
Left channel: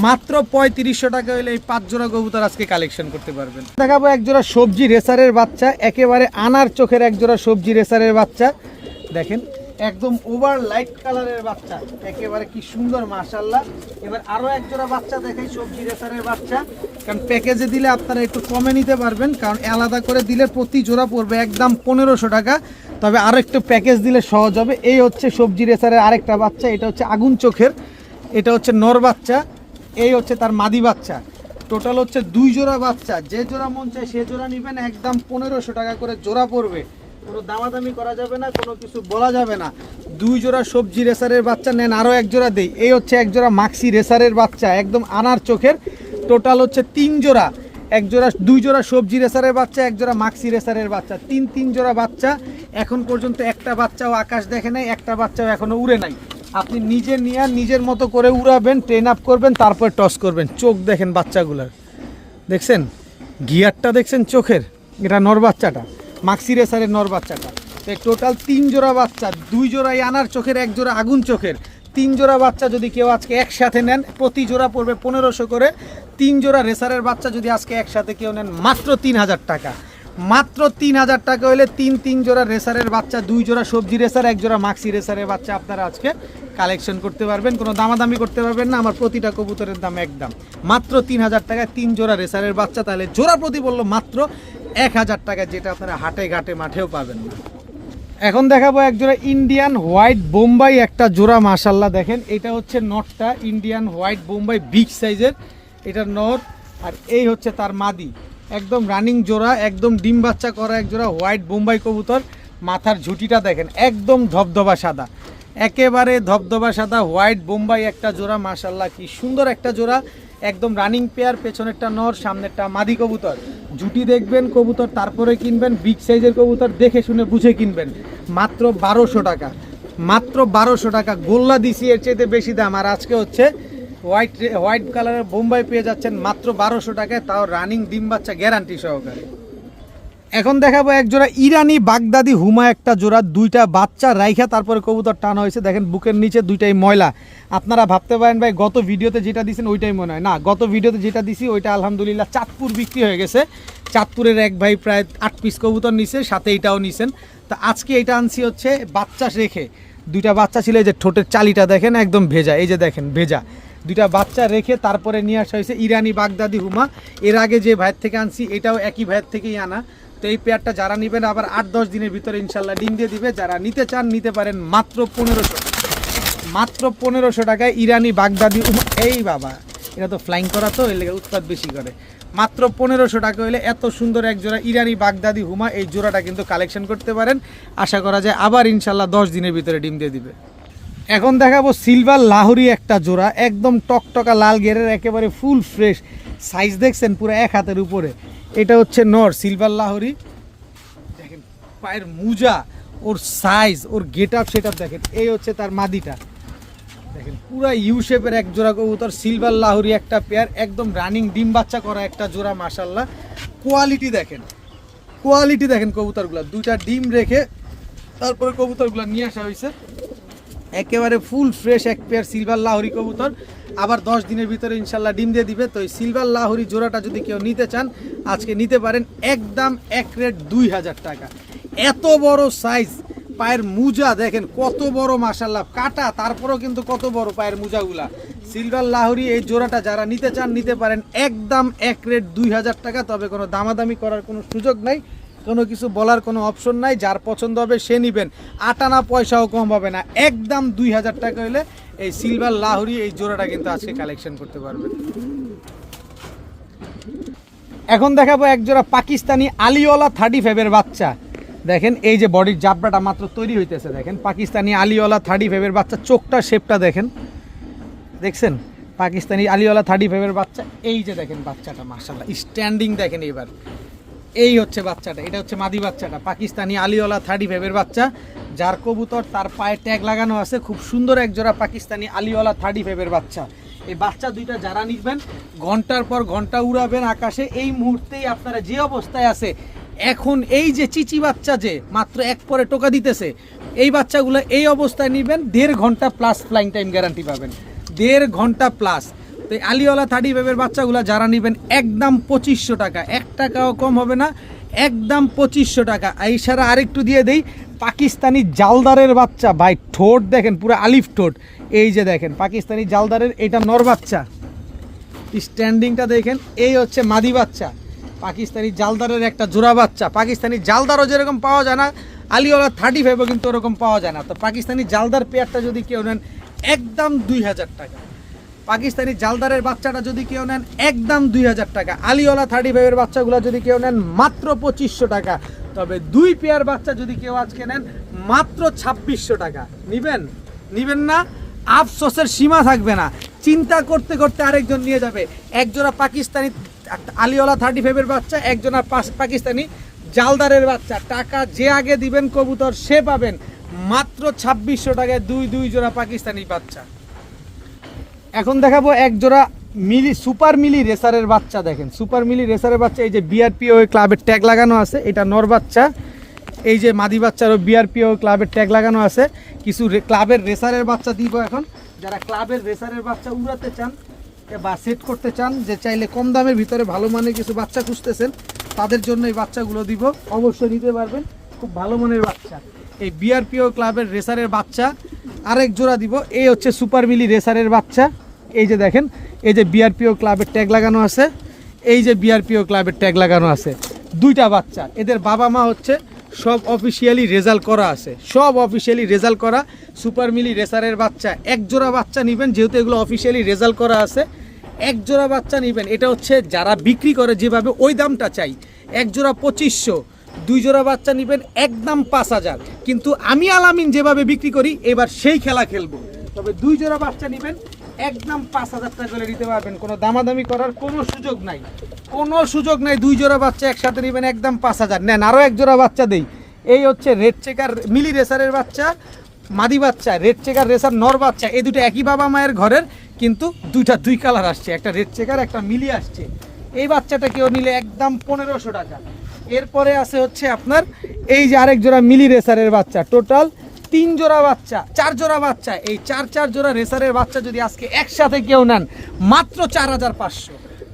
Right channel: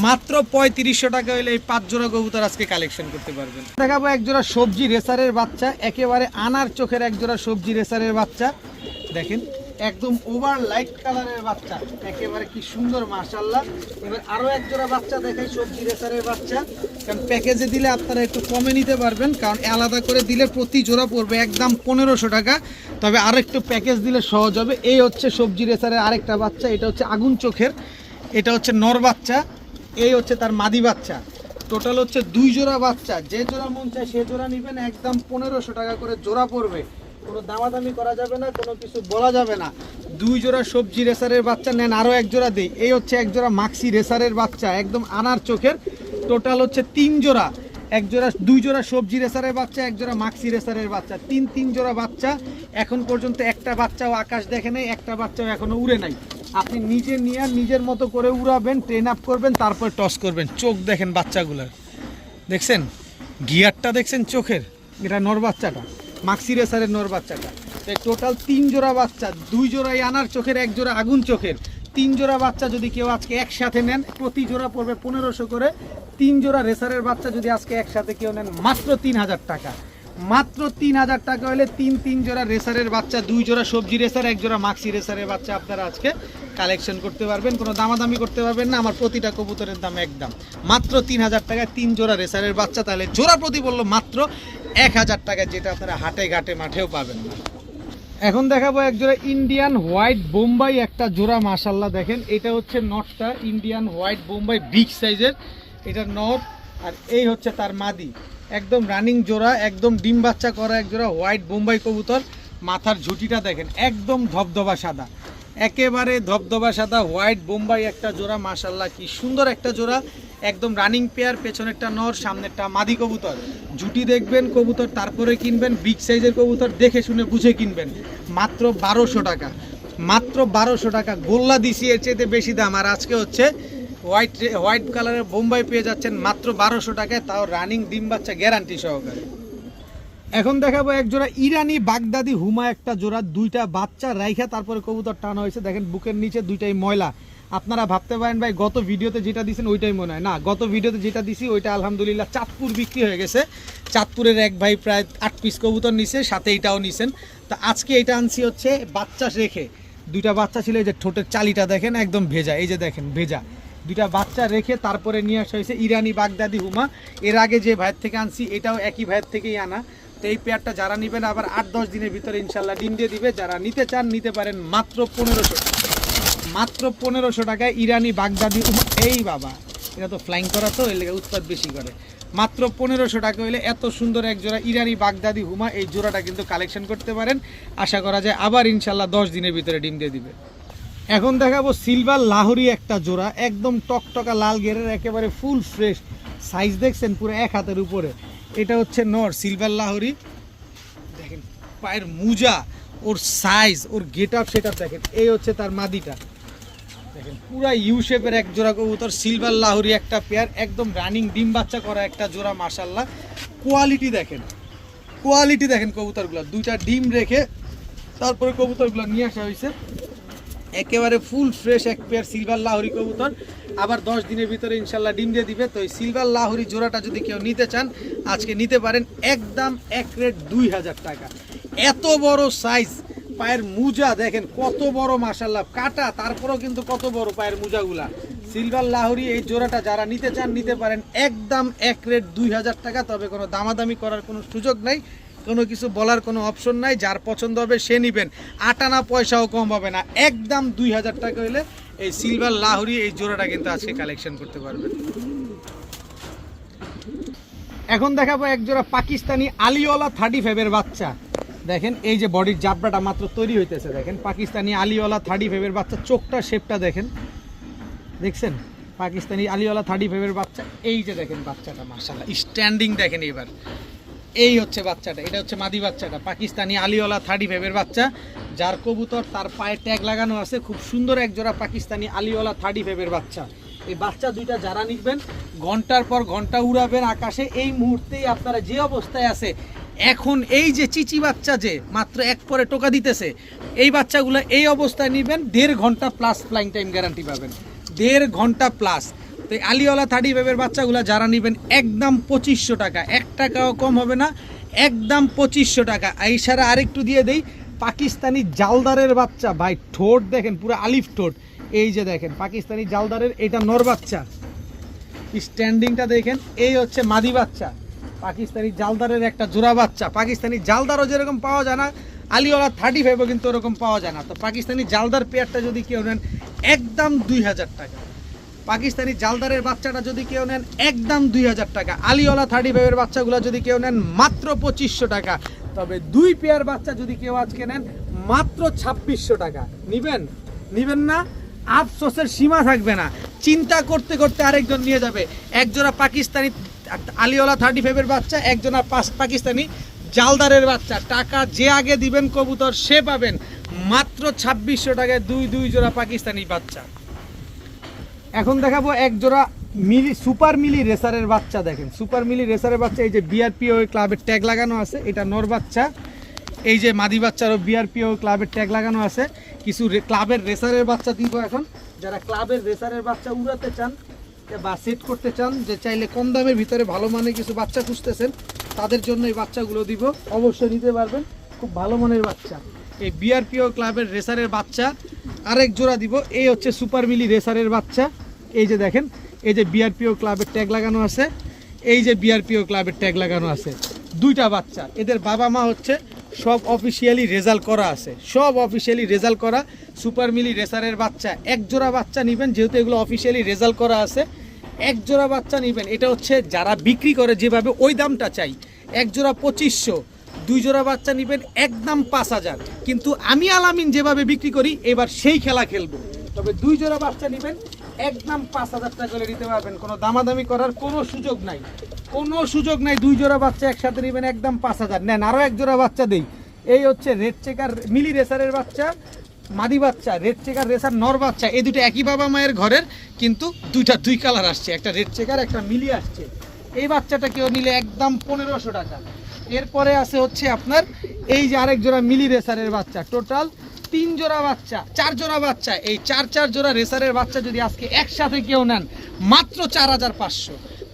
মাত্র 3500 টাকা হলে এই 5 জোড়া কবুতর আজকে কালেকশন করতে পারবেন। দেখাবো এক জোড়া সবজি রেসারের বাচ্চা, একেবারে আনার চোখের এক জোড়া সবজি রেসারের বাচ্চা, দেখেন একদম ওভার লাইট কালারের বাচ্চা, একেবারে কি সুন্দর মাশাআল্লাহ। এবার আরো এক জোড়া বাচ্চা দেখাই, সবজি রেসারের বাচ্চা, কারণ প্যাকেজে দিলে আপনারা একটু কমে নিতে পারবেন, কারণ আলাদা করে দিলে প্রতি জোড়া পড়বে একদম 1500 টাকা। তবে আরেকটু প্যাকেজ দিলে সহজ হবে। এই হচ্ছে সবজি রেসারের আরেকটা বাচ্চা, এটা হচ্ছে আগুন চোখের, এটা হচ্ছে নর বাচ্চা, এই হচ্ছে তার মাদি বাচ্চা। টোটাল হচ্ছে 2 জোড়া বাচ্চা, যে জোড়া মন চায় সে জোড়া নেবেন, একদম 1500 টাকা করে জোড়া পড়বে, কোনো দামাদামি করা যাবে না, কোনো কিছু বলা যাবে না। 2 জোড়া সবজি রেসারের বাচ্চা নেন, আরও 1 জোড়া দেই। এই হচ্ছে 1 জোড়া মাক্সি রেসারের বাচ্চা, একদম আনার চোখের। টোটাল হচ্ছে 3 জোড়া, 1 জোড়া 2 জোড়া সবজি রেসারের বাচ্চা, 1 জোড়া মাক্সি রেসারের বাচ্চা, 3 জোড়া বাচ্চা। এখন পর্যন্ত একটা বাচ্চাও আকাশ দেখে নাই, একটা বাচ্চাও এখনো উড়ে নাই। আপনি নিজে নিয়ে নিজের মতো করে উড়াবেন, ট্রেন আপ করবেন, তারপর টস করবেন। চোখ দেখেন বাচ্চাগুলোর, দেখছেন গিয়ারটা দেখছেন চোখের, এটা নর বাচ্চাটা, মাক্সি রেসারের নর বাচ্চাটা। টোটাল 3 জোড়া বাচ্চা, 2 জোড়াই আনার চোখের, 1 জোড়া আগুন চোখের। 3 জোড়া বাচ্চা যদি কেউ আজকে একসাথে নেন, প্রতি জোড়া পড়বে 1500 করে। 3 জোড়া রেসারের বাচ্চা যদি আজকে একসাথে কেউ নেন, মাত্র 3000 টাকা। মাত্র 3000 টাকা হলে 3 জোড়া রেসারের বাচ্চা, 2 জোড়া সবজি রেসার, 1 জোড়া মাক্সি রেসারের বাচ্চা আপনারা আজকে কালেকশন করতে পারবেন। কোনো দামাদামি করতে পারবেন না, আমার প্রতিটা কবুতরের দাম একদম মাত্র 3000 টাকায় 3 জোড়া রেসারের বাচ্চা। তাহলে জোড়া প্রতি বললো মাত্র 1000 টাকা, যেটা আপনারা হাটে ঘাটে মাঠেও পাবেন না। এখন দেখাবো 1 জোড়া ইন্ডিয়ান হোয়াইট বোম্বাই, একটা জোড়া মাশাল্লাহ দেখেন। এটা হচ্ছে নটটা, ইন্ডিয়ান হোয়াইট বোম্বাই বিগ সাইজের, এটা নট। আর এই হচ্ছে তার মাদি, একদম রানিং জোড়া, একদম ডিম বাচ্চা করা 1 জোড়া হোয়াইট বোম্বাই কবুতর। মাথার ঝুঁটিটা দেখেন একদম ধবধবা সাদা, একেবারে ধবধবা সাদা হোয়াইট বোম্বাই একটা জোড়া। মাশাল্লাহ কি সুন্দর একটা জোড়া, একদম রানিং পেয়ার। পেছনেরটা নর, সামনেরটা মাদি কবুতর। ঝুঁটি দেখবেন কবুতর, তারপরে কিনবেন। বিগ সাইজের কবুতর দেখে শুনে বুঝে কিনবেন। মাত্র 1200 টাকা, মাত্র 1200 টাকা। গোল্লা দিছি এর চাইতে বেশি দাম। আর আজকে হচ্ছে হোয়াইট কালারের বোম্বাই পেয়ে যাচ্ছেন মাত্র 1200 টাকায়, তাও রানিং ডিম বাচ্চা গ্যারান্টি সহকারে। এখন দেখাবো 1 জোড়া ইরানি বাগদাদি হুমা, একটা জোড়া, 2টা বাচ্চা রাইখা তারপরে কবুতর টানা হয়েছে। দেখেন বুকের নিচে 2টাই ময়লা। আপনারা ভাবতে পারেন ভাই গত ভিডিওতে যেটা দিয়েছেন ওইটাই মনে হয় না, গত ভিডিওতে যেটা দিছি ওইটা আলহামদুলিল্লাহ চাঁদপুর বিক্রি হয়ে গেছে। চাঁদপুরের এক ভাই প্রায় 8 পিস কবুতর নিছে, সাথে এইটাও নিছেন। তো আজকে এটা আনছি হচ্ছে বাচ্চা রেখে, 2টা বাচ্চা ছিল। এই যে ঠোঁটের চালিটা দেখেন একদম ভেজা, এই যে দেখেন ভেজা, 2টা বাচ্চা রেখে তারপরে নিয়ে আসা হয়েছে ইরানি বাগদাদি হুমা। এর আগে যে ভাইয়ের থেকে আনছি এটাও একই ভাইয়ের থেকেই আনা। তো এই পেয়ারটা যারা নেবেন আবার 8-10 দিনের ভিতরে ইনশাল্লাহ ডিম দিয়ে দিবে। যারা নিতে চান নিতে পারেন মাত্র 1500, মাত্র 1500 টাকায় ইরানি বাগদাদি। এই বাবা, এটা তো ফ্লাইং করা, তো এর লেগে উৎপাদ বেশি করে। মাত্র 1500 টাকা হলে এত সুন্দর 1 জোড়া ইরানি বাগদাদি হুমা, এই জোড়াটা কিন্তু কালেকশন করতে পারেন। আশা করা যায় আবার ইনশাল্লাহ 10 দিনের ভিতরে ডিম দিয়ে দিবে। এখন দেখাবো সিলভার লাহোরি একটা জোড়া, একদম টকটকা লাল গেরের, একেবারে ফুল ফ্রেশ সাইজ দেখছেন পুরো 1 হাতের উপরে। এটা হচ্ছে নর সিলভার লাহোরি, দেখেন পায়ের মুজা, ওর সাইজ, ওর গেট আপ সেট আপ দেখেন। এই হচ্ছে তার মাদিটা, দেখেন পুরো ইউ শেপের 1 জোড়া কবুতর, সিলভার লাহোরি একটা পেয়ার, একদম রানিং ডিম বাচ্চা করা একটা জোড়া। মাশাল্লাহ কোয়ালিটি দেখেন, কোয়ালিটি দেখেন কবুতরগুলো। 2টা ডিম রেখে তারপরে কবুতরগুলো নিয়ে আসা হয়েছে, একেবারে full fresh 1 pair silver Lahori কবুতর। আবার 10 দিনের ভিতরে ইনশাল্লাহ ডিম দিয়ে দিবে। তো এই সিলভার লাহোরি জোড়াটা যদি কেউ নিতে চান আজকে নিতে পারেন, একদম 1 রেট 2000 টাকা। এত বড় সাইজ, পায়ের মুজা দেখেন কত বড়, মাশাল্লাহ কাটা, তারপরেও কিন্তু কত বড় পায়ের মুজাগুলা। সিলভার লাহোরি এই জোড়াটা যারা নিতে চান নিতে পারেন, একদম 1 রেট 2000 টাকা। তবে কোনো দামাদামি করার কোনো সুযোগ নাই, কোনো কিছু বলার কোনো অপশন নাই। যার পছন্দ হবে সে নেবেন, আটানা পয়সাও কম হবে না। একদম 2000 টাকা হলে এই সিলভার লাহোরি এই জোড়াটা কিন্তু আজকে কালেকশন করতে পারবেন। এখন দেখাবো 1 জোড়া পাকিস্তানি আলিওয়ালা 35 বাচ্চা। দেখেন এই যে বডির জাবড়াটা মাত্র তৈরি হইতেছে, দেখেন পাকিস্তানি আলিওয়ালা 35 বাচ্চা। চোখটা শেপটা দেখেন, দেখছেন পাকিস্তানি আলিওয়ালা 35 বাচ্চা। এই যে দেখেন বাচ্চাটা মাশাআল্লাহ স্ট্যান্ডিং দেখেন। এবার এই হচ্ছে বাচ্চাটা, এটা হচ্ছে মাদি বাচ্চাটা, পাকিস্তানি আলিওয়ালা 35 বাচ্চা। যার কবুতর তার পায়ে ট্যাগ লাগানো আছে। খুব সুন্দর 1 জোড়া পাকিস্তানি আলিওয়ালা 35 বাচ্চা। এই বাচ্চা 2টা যারা নিবেন ঘন্টার পর ঘন্টা উড়াবেন আকাশে। এই মুহূর্তেই আপনারা যে অবস্থায় আছে এখন, এই যে চিচি বাচ্চা যে মাত্র 1 পরে টোকা দিতেছে, এই বাচ্চাগুলো এই অবস্থায় নিবেন, 1.5 ঘন্টা প্লাস ফ্লাইং টাইম গ্যারান্টি পাবেন, 1.5 ঘন্টা প্লাস। তো এই আলিওয়ালা 35 বাচ্চাগুলো যারা নেবেন একদম 2500 টাকা, 1 টাকাও কম হবে না, একদম 2500 টাকা। এই সারা আরেকটু দিয়ে দেই, পাকিস্তানি জালদারের বাচ্চা ভাই, ঠোঁট দেখেন পুরো আলিফ ঠোঁট। এই যে দেখেন পাকিস্তানি জালদারের, এটা নর বাচ্চা, স্ট্যান্ডিংটা দেখেন। এই হচ্ছে মাদি বাচ্চা, পাকিস্তানি জালদারের একটা জোড়া বাচ্চা। পাকিস্তানি জালদারও যেরকম পাওয়া যায় না, আলিওয়ালা 35ও কিন্তু ওরকম পাওয়া যায় না। তো পাকিস্তানি জালদার পেয়ারটা যদি কেউ নেন একদম 2000 টাকা, পাকিস্তানি জালদারের বাচ্চাটা যদি কেউ নেন একদম 2000 টাকা, আলিওয়ালা 35-এর বাচ্চাগুলো যদি কেউ নেন মাত্র 2500 টাকা। তবে 2 পেয়ার বাচ্চা যদি কেউ আজকে নেন মাত্র 2600 টাকা। নিবেন না, আফসোসের সীমা থাকবে না। চিন্তা করতে করতে আরেকজন নিয়ে যাবে। একজোড়া পাকিস্তানি আলিওয়ালা 35-এর বাচ্চা, একজোড়া পাকিস্তানি জালদারের বাচ্চা। টাকা যে আগে দিবেন কবুতর সে পাবেন মাত্র 2600 টাকায় দুই জোড়া পাকিস্তানি বাচ্চা। এখন দেখাবো এক জোড়া সুপার মিলি রেসারের বাচ্চা। দেখেন সুপার মিলি রেসারের বাচ্চা, এই যে বিআরপিও ক্লাবের ট্যাগ লাগানো আছে, এটা নর বাচ্চা। এই যে মাদি বাচ্চারও বিআরপিও ক্লাবের ট্যাগ লাগানো আছে। কিছু ক্লাবের রেসারের বাচ্চা দিব এখন, যারা ক্লাবের রেসারের বাচ্চা উড়াতে চান বা সেট করতে চান, যে চাইলে কম দামের ভিতরে ভালো মানের কিছু বাচ্চা খুঁজতেছেন, তাদের জন্য এই বাচ্চাগুলো দিব, অবশ্যই নিতে পারবেন। খুব ভালো মানের বাচ্চা এই বিআরপিও ক্লাবের রেসারের বাচ্চা। আরেক জোড়া দিব, এই হচ্ছে সুপার মিলি রেসারের বাচ্চা। এই যে দেখেন, এই যে বিআরপিও ক্লাবের ট্যাগ লাগানো আছে, এই যে বিআরপিও ক্লাবের ট্যাগ লাগানো আছে, 2টা বাচ্চা। এদের বাবা মা হচ্ছে সব অফিসিয়ালি রেজাল্ট করা আছে, সব অফিসিয়ালি রেজাল্ট করা সুপার মিলি রেসারের বাচ্চা। এক জোড়া বাচ্চা নেবেন, যেহেতু এগুলো অফিসিয়ালি রেজাল্ট করা আছে, এক জোড়া বাচ্চা নেবেন। এটা হচ্ছে যারা বিক্রি করে যেভাবে ওই দামটা চাই, এক জোড়া 2500, 2 জোড়া বাচ্চা নেবেন একদম 5000। কিন্তু আমি আলামিন যেভাবে বিক্রি করি এবার সেই খেলা খেলবো। তবে 2 জোড়া বাচ্চা নেবেন একদম 5000 টাকা করে নিতে পারবেন, কোনো দামাদামি করার কোনো সুযোগ নাই, কোনো সুযোগ নাই। 2 জোড়া বাচ্চা একসাথে নেবেন একদম 5000। নেন আরও এক জোড়া বাচ্চা দেই। এই হচ্ছে রেড চেকার মিলি রেসারের বাচ্চা, মাদি বাচ্চা, রেড চেকার রেসার নর বাচ্চা। এই দুটো একই বাবা মায়ের ঘরের, কিন্তু 2 কালার আসছে, একটা রেড চেকার একটা মিলি আসছে। এই বাচ্চাটা কেউ নিলে একদম 1500 টাকা। এরপরে আছে হচ্ছে আপনার এই যে আরেক জোড়া মিলি রেসারের বাচ্চা। টোটাল 3 জোড়া বাচ্চা, 4 জোড়া বাচ্চা। এই 4 জোড়া রেসারের বাচ্চা যদি আজকে একসাথে কেউ নেন মাত্র 4500।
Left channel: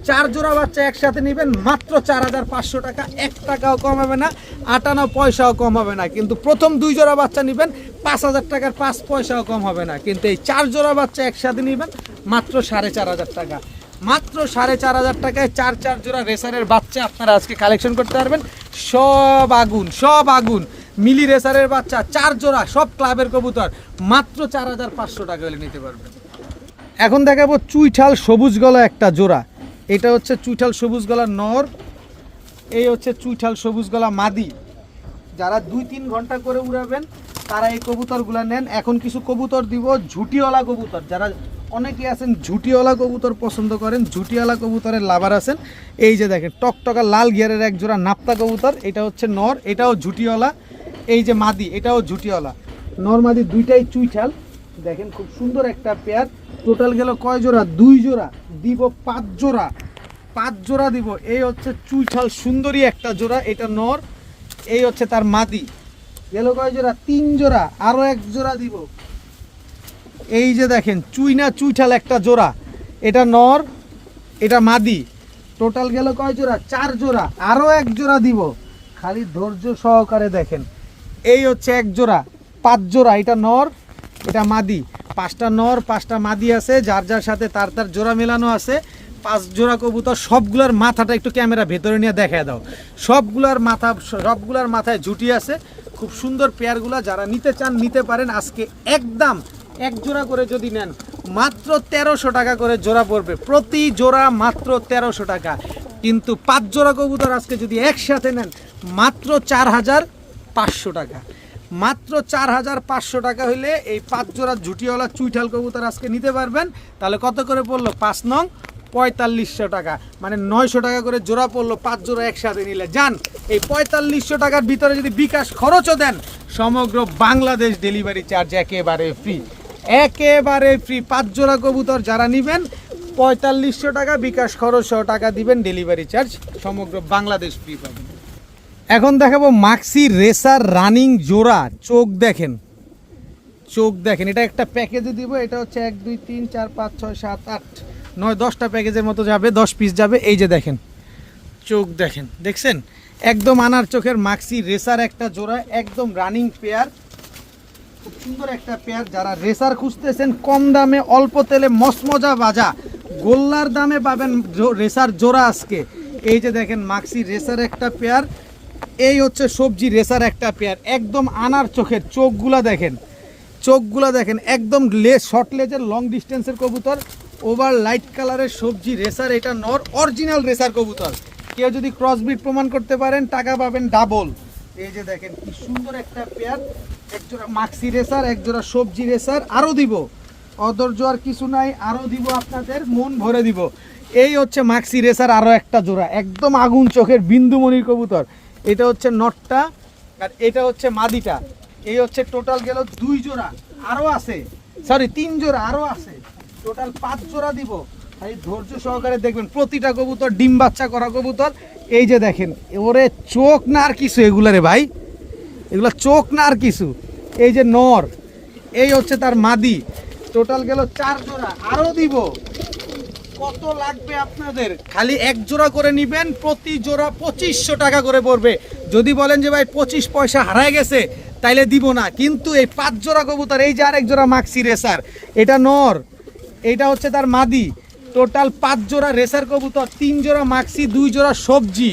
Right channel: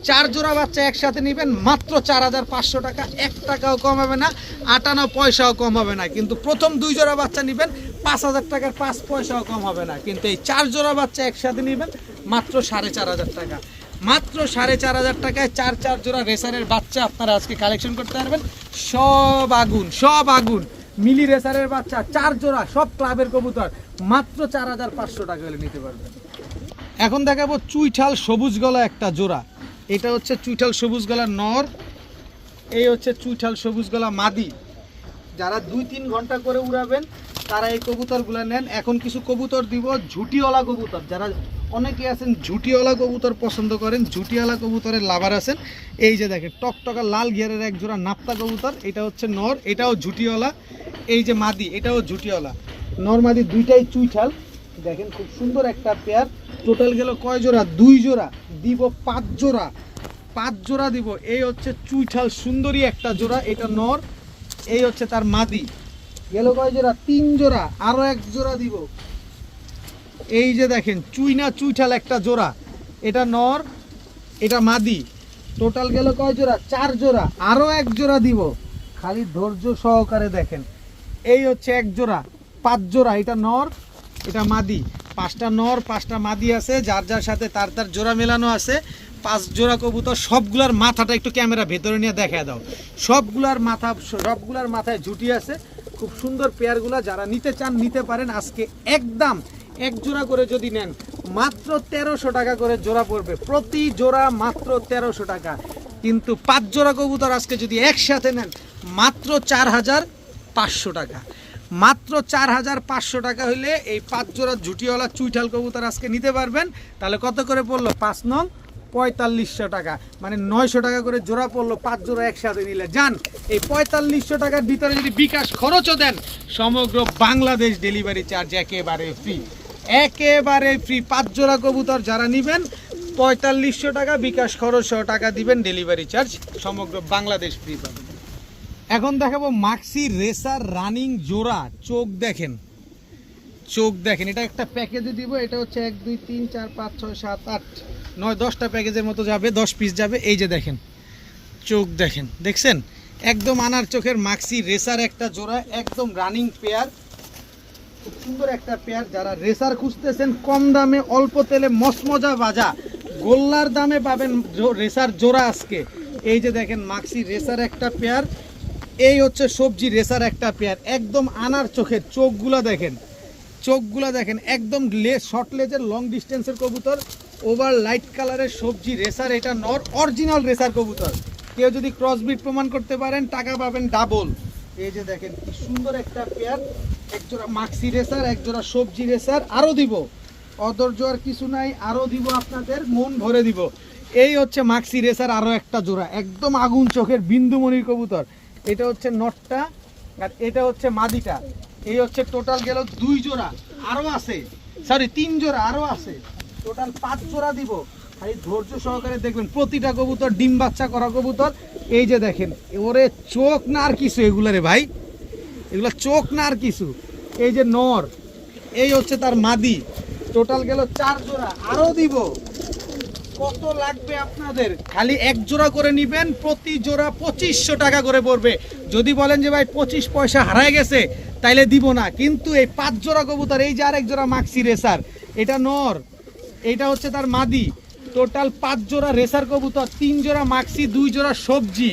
4 জোড়া বাচ্চা একসাথে নেবেন মাত্র 4500 টাকা। 1 টাকাও কম হবে না, 58 পয়সাও কম হবে না। কিন্তু প্রথম 2 জোড়া বাচ্চা নেবেন 5000 টাকার 5 পয়সাও কম হবে না। কিন্তু এই 4 জোড়া বাচ্চা একসাথে নেবেন মাত্র 4500 টাকা। মাত্র 4500 টাকায় 4 জোড়া রেসারের বাচ্চা আপনারা আজকে কালেকশন করতে পারবেন। সব আগুন মিলি রেসারের বাচ্চা 4 জোড়া, সব ক্লাবের কবুতর, মাত্র 4500 টাকা হলে নিতে পারবেন। এখন দেখাবো চুইঠাল সবুজ গলা একটা জোড়া। এটা হচ্ছে চুইঠাল সবুজ গলার নর, এই হচ্ছে চুইঠাল সবুজ গলা মাদি। যারা 2-3 ঘন্টা করে উড়াবেন তারা এই কবুতরগুলো নেন। এখন কিছু কবুতর দিব ঝুটিওয়ালা কবুতর, যারা অনেকে আছেন ঝুটিওয়ালা কবুতর পছন্দ করেন, ঝুটিওয়ালা কবুতরের লাভার আছেন। এই যে দেখেন টকটকা লাল গিয়ারের এক জোড়া নাপ্তা কবুতর, এটা হচ্ছে নর, এটাও ঝুটিওয়ালা। এই যে মাদি, এটাও ঝুটিওয়ালা। নর মাদি 2টাই চুইঠাল। দেখেন খুব সুন্দর একটা পেয়ার। টোটাল গেল কয় জোড়া? 2 জোড়া দিব, 5 জোড়া, 5 জোড়া দিব। এই হচ্ছে চুইঠাল সুন্দরী একটা জোড়া, এটা নর। এই হচ্ছে তার মাদি। গেল কয় জোড়া? 3 জোড়া, আরো 1 জোড়া দিব। এই যে দেখেন চুইঠাল একটা জোড়া, এটা নর, এটা মাদি। টোটাল গেল কয় জোড়া? 4 জোড়া, আরো 1 জোড়া দিব। খালি ধৈর্য সহকারে দেখেন। এই হচ্ছে 1 জোড়া, 5 জোড়া, এটা নর, এটা মাদি। 5টা নর 5টা মাদি আছে, যার যার সাথে তার জোড়া মেলানো আছে। 5 জোড়া কবুতর। সবগুলার মাথাটা একটু ক্যামেরা ভেতরে নিয়ে দেখায় দাও। সবগুলার মাথায় ঝুটি আছে। খুব সুন্দর পেয়ারগুলা, যারা নিতে চান নিতে পারেন। আজকে একদম 1 জোড়া করে যদি নেন মাত্র 1300 টাকা করে জোড়া পড়বে, প্রতি জোড়া মাত্র 1300 টাকা। কিন্তু 5 জোড়া কবুতর আজকে যদি একসাথে নেন মাত্র 4500 টাকা। মাত্র 4500 টাকা হইলে এই 5 জোড়া ঝুটিওয়ালা চুইঠাল কবুতর আজকে নিতে পারবেন। তাহলে কত করে পড়লো? 5 নং 4500 টাকা, মানে 900 টাকা করে জোড়া পড়লো 5 জোড়া একসাথে নিলে। যান এই 4500 টাকার ভিতরে যদি বিকাশ খরচও দেন, সমগ্র বাংলাদেশ ডেলিভারি চার্জ একেবারে ফ্রি, একেবারে ফ্রি। 5 জোড়া কবুতর যারা নেবেন 4500 টাকা বিকাশ খরচ সহ টাকা দিবেন, ডেলিভারি চার্জ সমগ্র বাংলাদেশ ফ্রি পাবেন। এখন দেখাবো মাক্সি রেসার রানিং জোড়া। চোখ দেখেন, এটা একটা প্যাকেজে দিব। এটা হচ্ছে 1 2 3 4 5 6 7 8 9 10টা প্যাকেজের মতো যাবে, 10 পিস যাবে। এই যে দেখেন চোখ দেখছেন, একদম আনার চোখের মাক্সি রেসার একটা জোড়া, একদম রানিং পেয়ার। খুব সুন্দর একটা পেয়ার। যারা রেসার খুঁজতেছেন কম দামে অল্প তেলে মসমজা বাজা গোল্লার দামে পাবেন রেসার জোড়া আজকে। এই যে দেখেন মাক্সি রেসার একটা পেয়ার, এই হচ্ছে সবজি রেসার একটা পেয়ার, একদম আনার চোখের, চোখগুলা দেখেন একদম শর্ট লেজের লং ডিস্টেন্সের কবুতর, ওভার লাইট কালারের সবজি রেসার। এটা নর অরিজিনাল রেসার কবুতর। কেউ যদি ক্রসবিট প্রমাণ করতে পারেন টাকা পাবেন ডাবল। এই যে দেখেন কি সুন্দর একটা পেয়ার, একজোড়া মাক্সি রেসার, একজোড়া সবজি রেসার। আরও দিব, অধৈর্য আর কিছু নাই, আরও দিব, আপনাদের মন ভরে দিব। এই হচ্ছে মাক্সি রেসার আরও একটা জোড়া, একদম আগুন চোখের বিন্দুমণির কবুতর। এটা হচ্ছে নটটা আর এটা হচ্ছে মাদিটা। এই হচ্ছে টোটাল গেল 2 জোড়া, আরও আছে, সরি 3 জোড়া আরও আছে, টোটাল 5 জোড়া দিব। খালি ধৈর্য সহকারে দেখবেন, প্রতিটা কবুতর ডিম বাচ্চা করা কবুতর। এই যে দেখেন, ওরে চোখ না আর কিছু এগুলারে ভাই, এগুলা চোখ না আর কিছু। এই যে নর, এই হচ্ছে তার মাদি। টোটাল গেল 4 জোড়া, আরও দিব। কত লাগবে আপনাদের? খালি 1 জোড়া করে নেবেন, প্রতি জোড়া 2500 টাকা করে পড়বে। যদি বলেন যে ভাই 25 পয়সা হারায় গেছে তাইলে দিব না, কিন্তু এই 5 জোড়া কবুতর, এই যে আরেক জোড়া মাক্সি রেসার, এটা নর, এটা হচ্ছে তার মাদি। টোটাল 5 জোড়া রেসার কবুতর, 3 জোড়া মাক্সি, 2 জোড়া সবজি।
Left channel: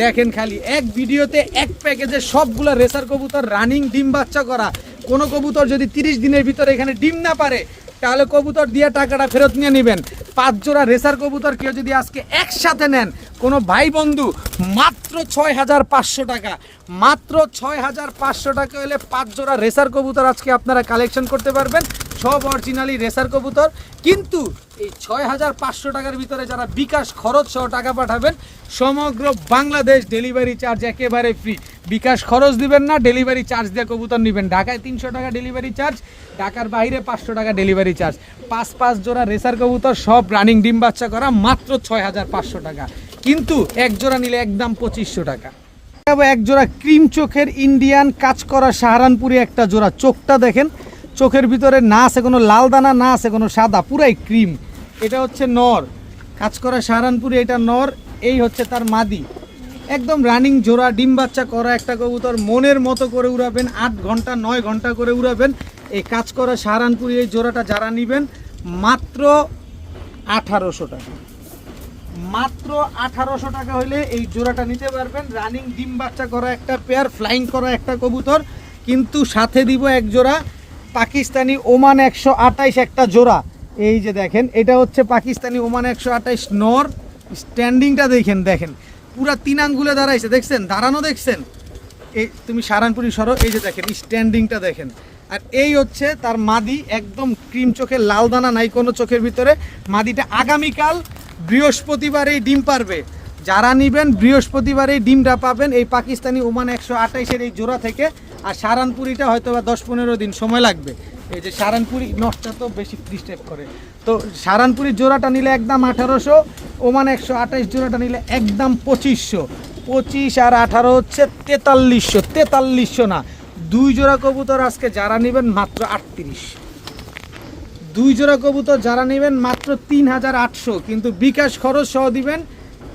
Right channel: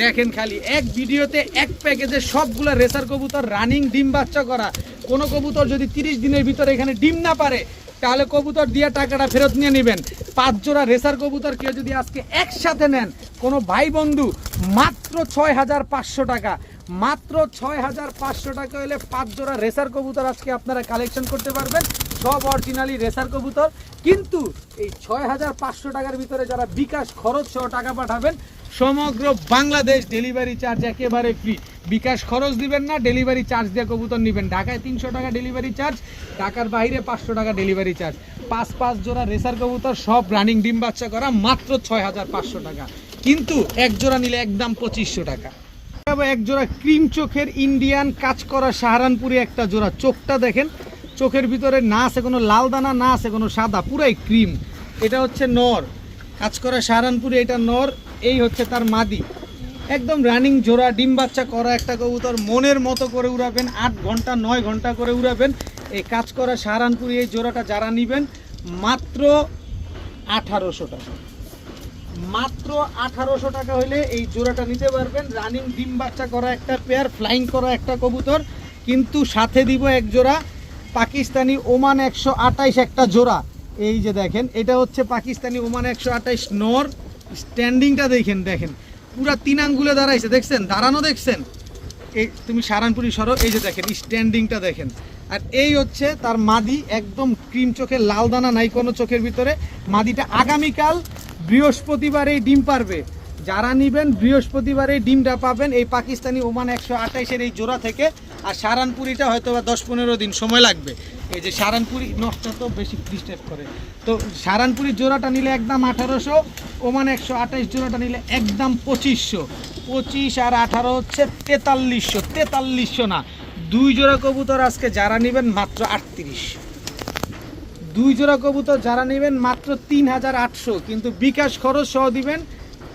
দেখেন খালি এক ভিডিওতে এক প্যাকেজে সবগুলা রেসার কবুতর রানিং ডিম বাচ্চা করা। কোনো কবুতর যদি 30 দিনের ভিতরে এখানে ডিম না পারে তাহলে কবুতর দিয়ে টাকাটা ফেরত নিয়ে নেবেন। 5 জোড়া রেসার কবুতর কেউ যদি আজকে একসাথে নেন, কোনো ভাই বন্ধু, মাত্র 6500 টাকা, মাত্র 6500 টাকা হলে 5 জোড়া রেসার কবুতর আজকে আপনারা কালেকশন করতে পারবেন, সব অরিজিনালি রেসার কবুতর। কিন্তু এই 6500 টাকার ভিতরে যারা বিকাশ খরচ সহ টাকা পাঠাবেন, সমগ্র বাংলাদেশ ডেলিভারি চার্জ একেবারে ফ্রি। বিকাশ খরচ দিবেন না, ডেলিভারি চার্জ দিয়ে কবুতর নেবেন। ঢাকায় 300 টাকা ডেলিভারি চার্জ, ঢাকার বাইরে 500 টাকা ডেলিভারি চার্জ। 5 জোড়া রেসার কবুতর সব রানিং ডিম বাচ্চা করা, মাত্র 6500 টাকা। কিন্তু 1 জোড়া নিলে একদম 2500 টাকা। 1 জোড়া ক্রিম চোখের ইন্ডিয়ান কাজ করা সাহারানপুরি একটা জোড়া। চোখটা দেখেন, চোখের ভিতরে না আছে কোনো লাল দানা, না আছে কোনো সাদা, পুরাই ক্রিম। এটা হচ্ছে নর, কাজ করা সাহারানপুরি, এটা নর। এই হচ্ছে তার মাদি, একদম রানিং জোড়া ডিম বাচ্চা করা একটা কবুতর। মনের মতো করে উড়াবেন, 8 ঘন্টা 9 ঘন্টা করে উড়াবেন। এই কাজ করা সাহারানপুরি এই জোড়াটা যারা নেবেন, মাত্র 1800 টাকা, মাত্র 1800 টাকা হলে এই জোড়াটা নিতে পারবেন। রানিং ডিম বাচ্চা করা একটা পেয়ার, ফ্লাইং করা একটা কবুতর। কিন্তু সাথে দিব 1 জোড়া পাকিস্তানি ওমান 128 একটা জোড়া। এই যে দেখেন, এটা হচ্ছে পাকিস্তানি ওমান 128 নর। স্ট্যান্ডিংটা দেখেন পুরা 3 আঙ্গুলে দাঁড়াইছে, দেখছেন দাঁড়ানো, দেখছেন। এই তুমি সাহারানপুরি সরো, এই যে দেখেন স্ট্যান্ডিংটা দেখেন। আর এই হচ্ছে তার মাদি, একদম ক্রিম চোখের, লাল দানা নাই কোনো চোখের ভিতরে। মাদিটা আগামীকাল বৃহস্পতিবার এই ডিম পারবে। যারা নেবেন বৃহস্পতিবার এই ডিমটা পাবেন এই পাকিস্তানি ওমান 128-এর এই জোড়া থেকে। আর সাহারানপুরিটা হয়তো বা 10-15 দিন সময় লাগবে। এই যে সাহারানপুরি নষ্ট তো বেশি ডিস্টার্ব করে, তো সাহারানপুরির জোড়াটা নিলে একদম 1800, ওমান 128 জোড়াটা নিলে একদম 2500। 25 আর 18 হচ্ছে 4300 না, 2 জোড়া কবুতর আজকে যারা নেবেন মাত্র 38। 2 জোড়া কবুতর যারা নেবেন মাত্র 3800, কিন্তু বিকাশ খরচ সহ দিবেন।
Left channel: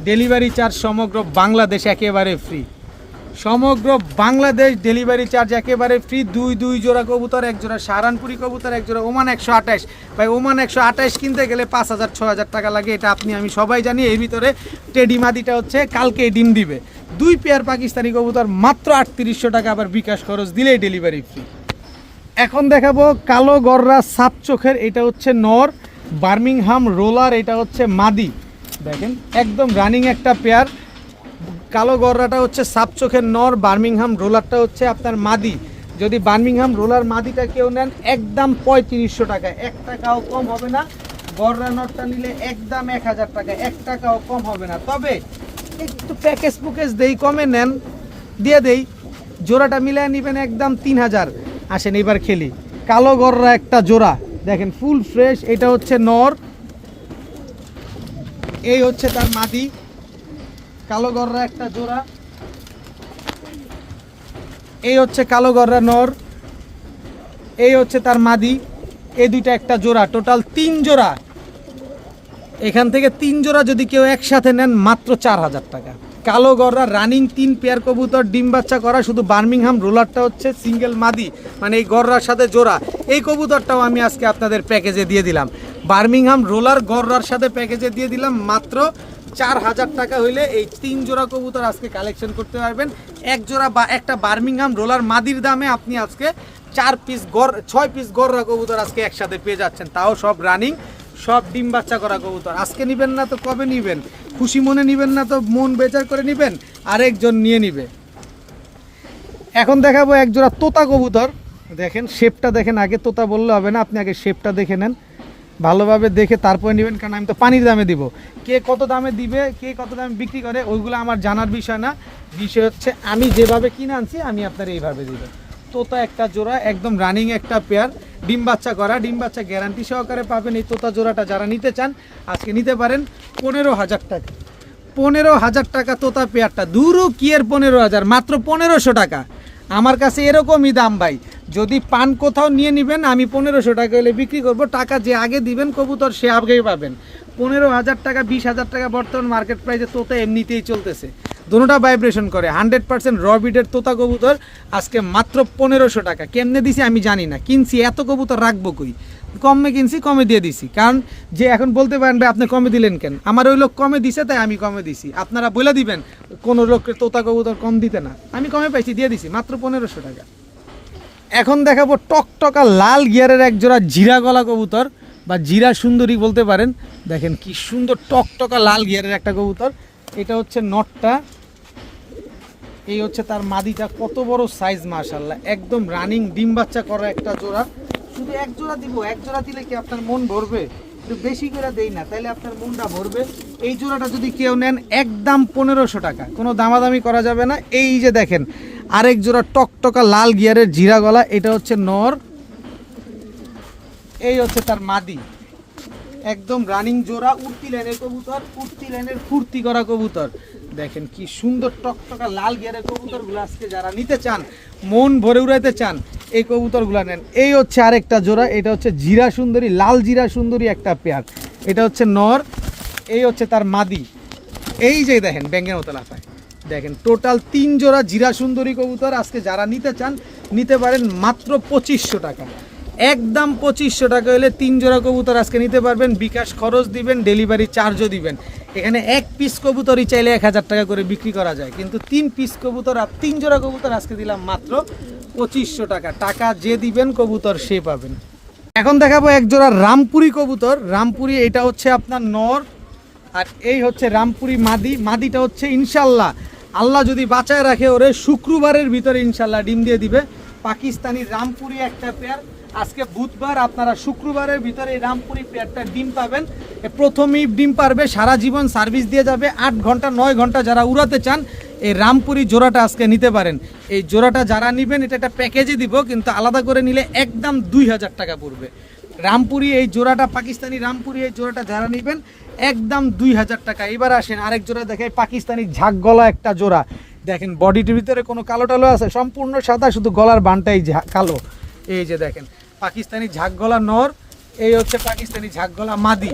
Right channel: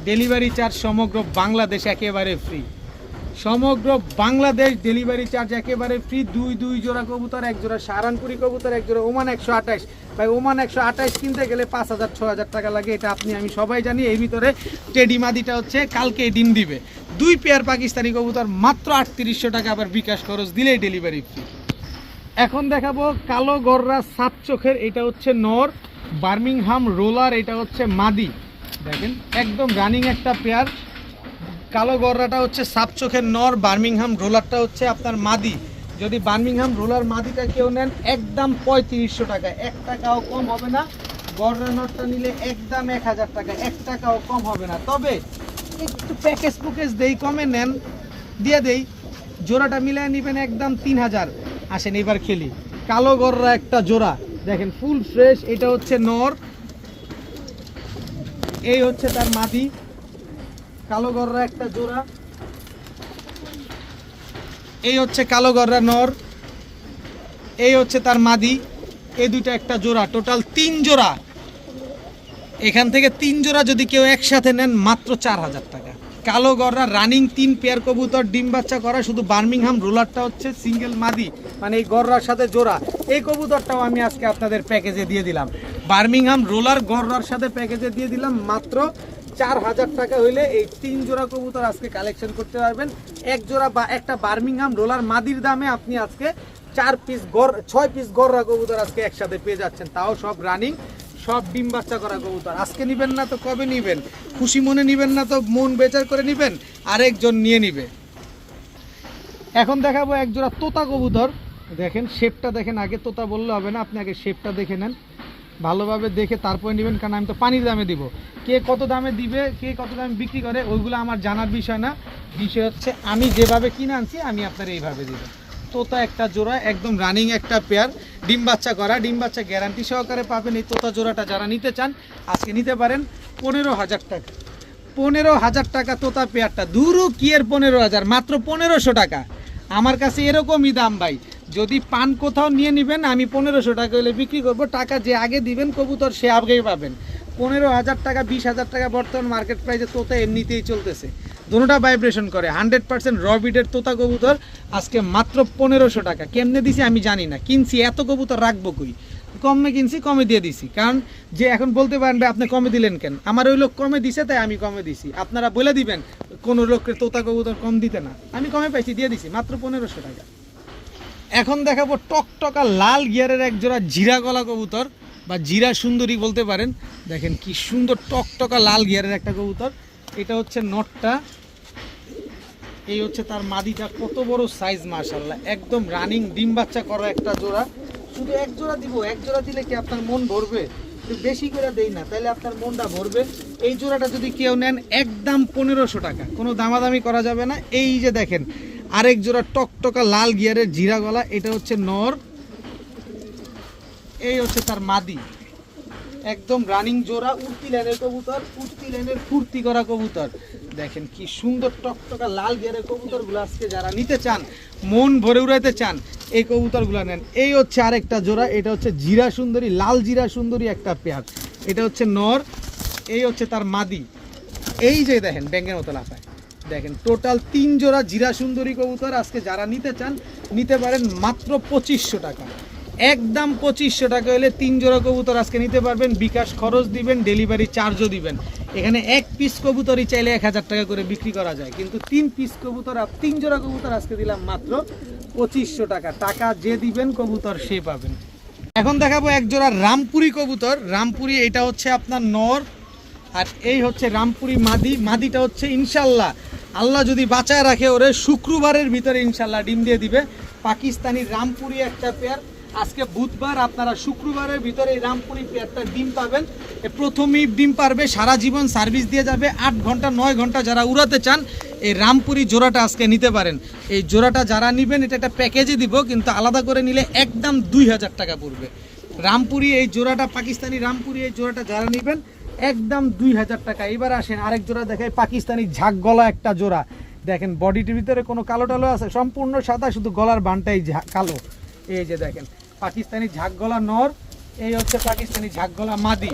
ডেলিভারি চার্জ সমগ্র বাংলাদেশ একেবারে ফ্রি, সমগ্র বাংলাদেশ ডেলিভারি চার্জ একেবারে ফ্রি। 2 জোড়া কবুতর, 1 জোড়া সাহারানপুরি কবুতর, 1 জোড়া ওমান 128। ভাই ওমান 128 কিনতে গেলে 5000-6000 টাকা লাগে, এটা আমি সবাই জানি। এর ভিতরে টেডি মাদিটা হচ্ছে কালকে ডিম দিবে। 2 পেয়ার পাকিস্তানি কবুতর মাত্র 3800 টাকা, আবার বিকাশ খরচ দিলেই ডেলিভারি ফ্রি। এখন দেখাবো কালো গররা সাপ চোখের, এটা হচ্ছে নর, বার্মিংহাম রোলার, এটা হচ্ছে মাদি। দেখেন একদম রানিং একটা পেয়ার। কালো গররাটা হচ্ছে সাপ চোখের নর, বার্মিংহাম রোলারটা হচ্ছে আপনার মাদি। যদি বার্মিংহাম রোলার মাদিটা কেউ নেন একদম 3500 টাকা, 1 টাকাও কম হবে না। গররা নরটা নিলে একদম 1000 টাকা, 1 টাকাও কম হবে না। তবে একটু প্যাকেজ দেই, কমে নেন দিয়ে দেই, জোড়াটা মিলিয়ে নেবেন একদম 3000। আসেন এবার খেলি। কালো গররা একটা জোড়া দেখেন, ফুল ফ্রেশ। এটা হচ্ছে নর, এই হচ্ছে তার মাদি। কালো গররা একটা জোড়া, এই হচ্ছে কালো গররা নর, এই হচ্ছে তার মাদি। এই দুইটা একটা জোড়া, টোটাল 3 জোড়া। এখান থেকে 3 জোড়া যদি কেউ একসাথে নেন মাত্র 4000 টাকা। কালো গররা রানিং 3 পেয়ার কবুতর ডিম বাচ্চা করা, শুধু বার্মিংহাম রোলারটা হচ্ছে সিঙ্গেল মাদি, মানে এই গররার সাথে জোড়া। এই কবুতরটাও আমি আজকে আপনাদের প্যাকেজে দিয়ে দিলাম। বার্মিংহাম রোলার গররার সাথে প্যাকেজে দিয়ে দিলাম মাত্র 4,000 টাকা হইলে এই 3 জোড়া কবুতর আজকে কালেকশন করতে পারবেন। এক জোড়া বা একটা বার্মিংহাম রোলার মাদির দামে আপনি আজকে 6 পিস গররা কবুতর আজকে একসাথে পেয়ে যাচ্ছেন, তাও সব রানিং, সব ডিম বাচ্চা করা কবুতর। আজকে নিবেন না তো কবে নিবেন? খুশি মনে নিবেন না তো মন বেচার করে নিবেন, আরেকজন নিয়ে নিবে। এখন দেখাবো এক জোড়া তোতা কবুতর। দেখেন শেপটা দেখেন, আগে তোতা বললে হবে না, আপনি আগে শেপটা দেখে নেন, ভালোভাবে দেখে তারপরে নেবেন, কারণ আমি তো পানির দামে দিব। কে কত দামে দিবে, কে কত দামে বিক্রি করে, ওইগুলো আমার জানার বিষয় না। বিষয় হচ্ছে আমি যেভাবে কিনে আনছি আমি আপনার এইভাবে দিব। তোতা একটা জোড়া, একদম রানিং একটা পেয়ার, ডিম বাচ্চা করা, ডিম বাচ্চা গ্যারান্টি সহকারে পাবেন। এই তোতা জোড়াটা যারা নিতে চান আজকে নিতে পারেন 15,000 টাকা। 15,000 টাকা তোতা পেয়ারটা, দূরও কি এর 15,000, মাত্র 1,500 টাকা। আমার কাছে এরকমই দাম ভাই। যদি পান কোথাও নিয়ে নেবেন আমি 1,500 টাকা হলে বিক্রি করব। টাকা যে আগে দিবেন কবুতর সে আগেই পাবেন। 15,000 টাকা, 20,000 টাকা বর্তমান মার্কেট প্রাইসে তোতা এমনিতেই চলতেছে। দুটোটা ভাইব্রেশন করে, 100% র বিডের তোতা কবুতর আজকে মাত্র 1,500 টাকা। কেমনে দিছি আমি জানি না, কিনছি এত কবুতর রাখবো কই, কমে কিনছি, কমে দিয়ে দিছি। কারণ যে এখন বলতে পারেন ভাই আপনি কমে দিলেন কেন, আমার ওই লোক কমে দিছে তাই আমি কমে দিছি। আপনারা বলে দিবেন কোনো লোকের তোতা কবুতর কম দিতে না, আমি কমে পাইছি দিয়ে দিছি মাত্র 1,500 টাকা। এখন দেখাবো টকটকা লাল গিয়ারের এক জোড়া জিরা গলা কবুতর বা জিরা সুন্দরী বলতে পারেন। দেখেন কি সুন্দর টকটকা লাল গিয়ারের একটা কবুতর। এটা হচ্ছে নটটা, এই হচ্ছে তার মাদিটা, কত বড় সাইজ মাশাআল্লাহ, একদম রানিং ডিম বাচ্চা করা একটা জোড়া। শুধু এক জোড়া দিব, এক জোড়া দিলে কি আপনার মন ভরবে? একটু বেশি করে দেই না, তাহলে আপনার মনটা ভরবে। এই জোড়াটা যদি কেউ নেন একদম 1,500 টাকা, কোনো দামাদামি করা যাবে না। এই যে দেখেন আরেক জোড়া টকটকা লাল গিয়ারের জিরা গলা, এটা হচ্ছে নর, এই হচ্ছে তার মাদি, একদম রানিং জোড়া, উড়তি লাইনের কবুতর, উড়তি লাইনের ফুর্তি করা কবুতর। দেখেন কি সুন্দর টকটকা লাল গিয়ারের কবুতরগুলো আজকে যারা নিতে চান, মন ভরে উড়াইতে চান, এই কবুতরগুলো নেন। এই হচ্ছে আরেকটা জোড়া, এটা হচ্ছে জিরা সুন্দরী, লাল জিরা সুন্দরী একটা পেয়ার, এটা হচ্ছে নর, এই হচ্ছে তার মাদি। এই যে দেখেন ব্যাঙের মতো লাফায়। দেখেন টোটাল 3 জোড়া জিরা সুন্দরী কবুতর আজকে যারা নিতে চান নিতে পারেন মাত্র 2,500 টাকা। একদম 2,500 টাকা হলে 3 জোড়া কবুতর আজকে নিতে পারবেন। বিকাশ খরচ দিবেন, ডেলিভারি চার্জও দিবেন। এখানে এক পিস কবুতরই চাইলে 1,000 টাকা করে বিক্রি করা যায়, কিন্তু 3 পিস কবুতর আর 3 জোড়া কবুতর আজকে দিলাম মাত্র 2,500 টাকা। টাকা যে দিবেন কবুতর সে পাবেন। এখন দেখাবো এক জোড়া রামপুরি কবুতর। রামপুরি এটা হচ্ছে আপনার নর, আর এই হচ্ছে রামপুরি মাদি। মাদিটা হচ্ছে ইনশাল্লাহ আল্লাহ যদি বাঁচায় রাখে ওরে শুক্রবারের ভিতরে ইনশাল্লাহ ডিম দিয়ে দিবে। পাকিস্তানি রামপুরি একটা পেয়ার, আজকে বুধবার, আপনারা শুক্রবারের ভিতরে এই রামপুরি পেয়ারটা ডিম পাবেন। প্রথমেই ডিম পারবে, সারা জীবন সার্ভিস দিয়ে যাবে, 8 ঘন্টা 9 ঘন্টা যারা উড়াতে চান এই রামপুরি জোড়াটা আজকে নিতে পারেন। এই জোড়াটা যারা নেবেন এটা একটা প্যাকেজে দিব, কিন্তু আলাদা করে নিলে একদম 2,000 টাকা পড়বে। রামপুরি এই জোড়াটা, পাকিস্তানি রামপুরি এই জোড়াটা যারা নেবেন একদম 2,000 টাকা। এবার আসেন আরেক জোড়া দেখায়, পাকিস্তানি ঝাঁক গলা একটা জোড়া। দেখেন বডিটির ভিতরে কোনো কালো টালো আছে, সম্পূর্ণ সাদা, শুধু গলার বানটাই কালো। এই যে দেখেন পাকিস্তানি ঝাঁক গলা নর, এই হচ্ছে পাকিস্তানি ঝাঁক গলা মাদি,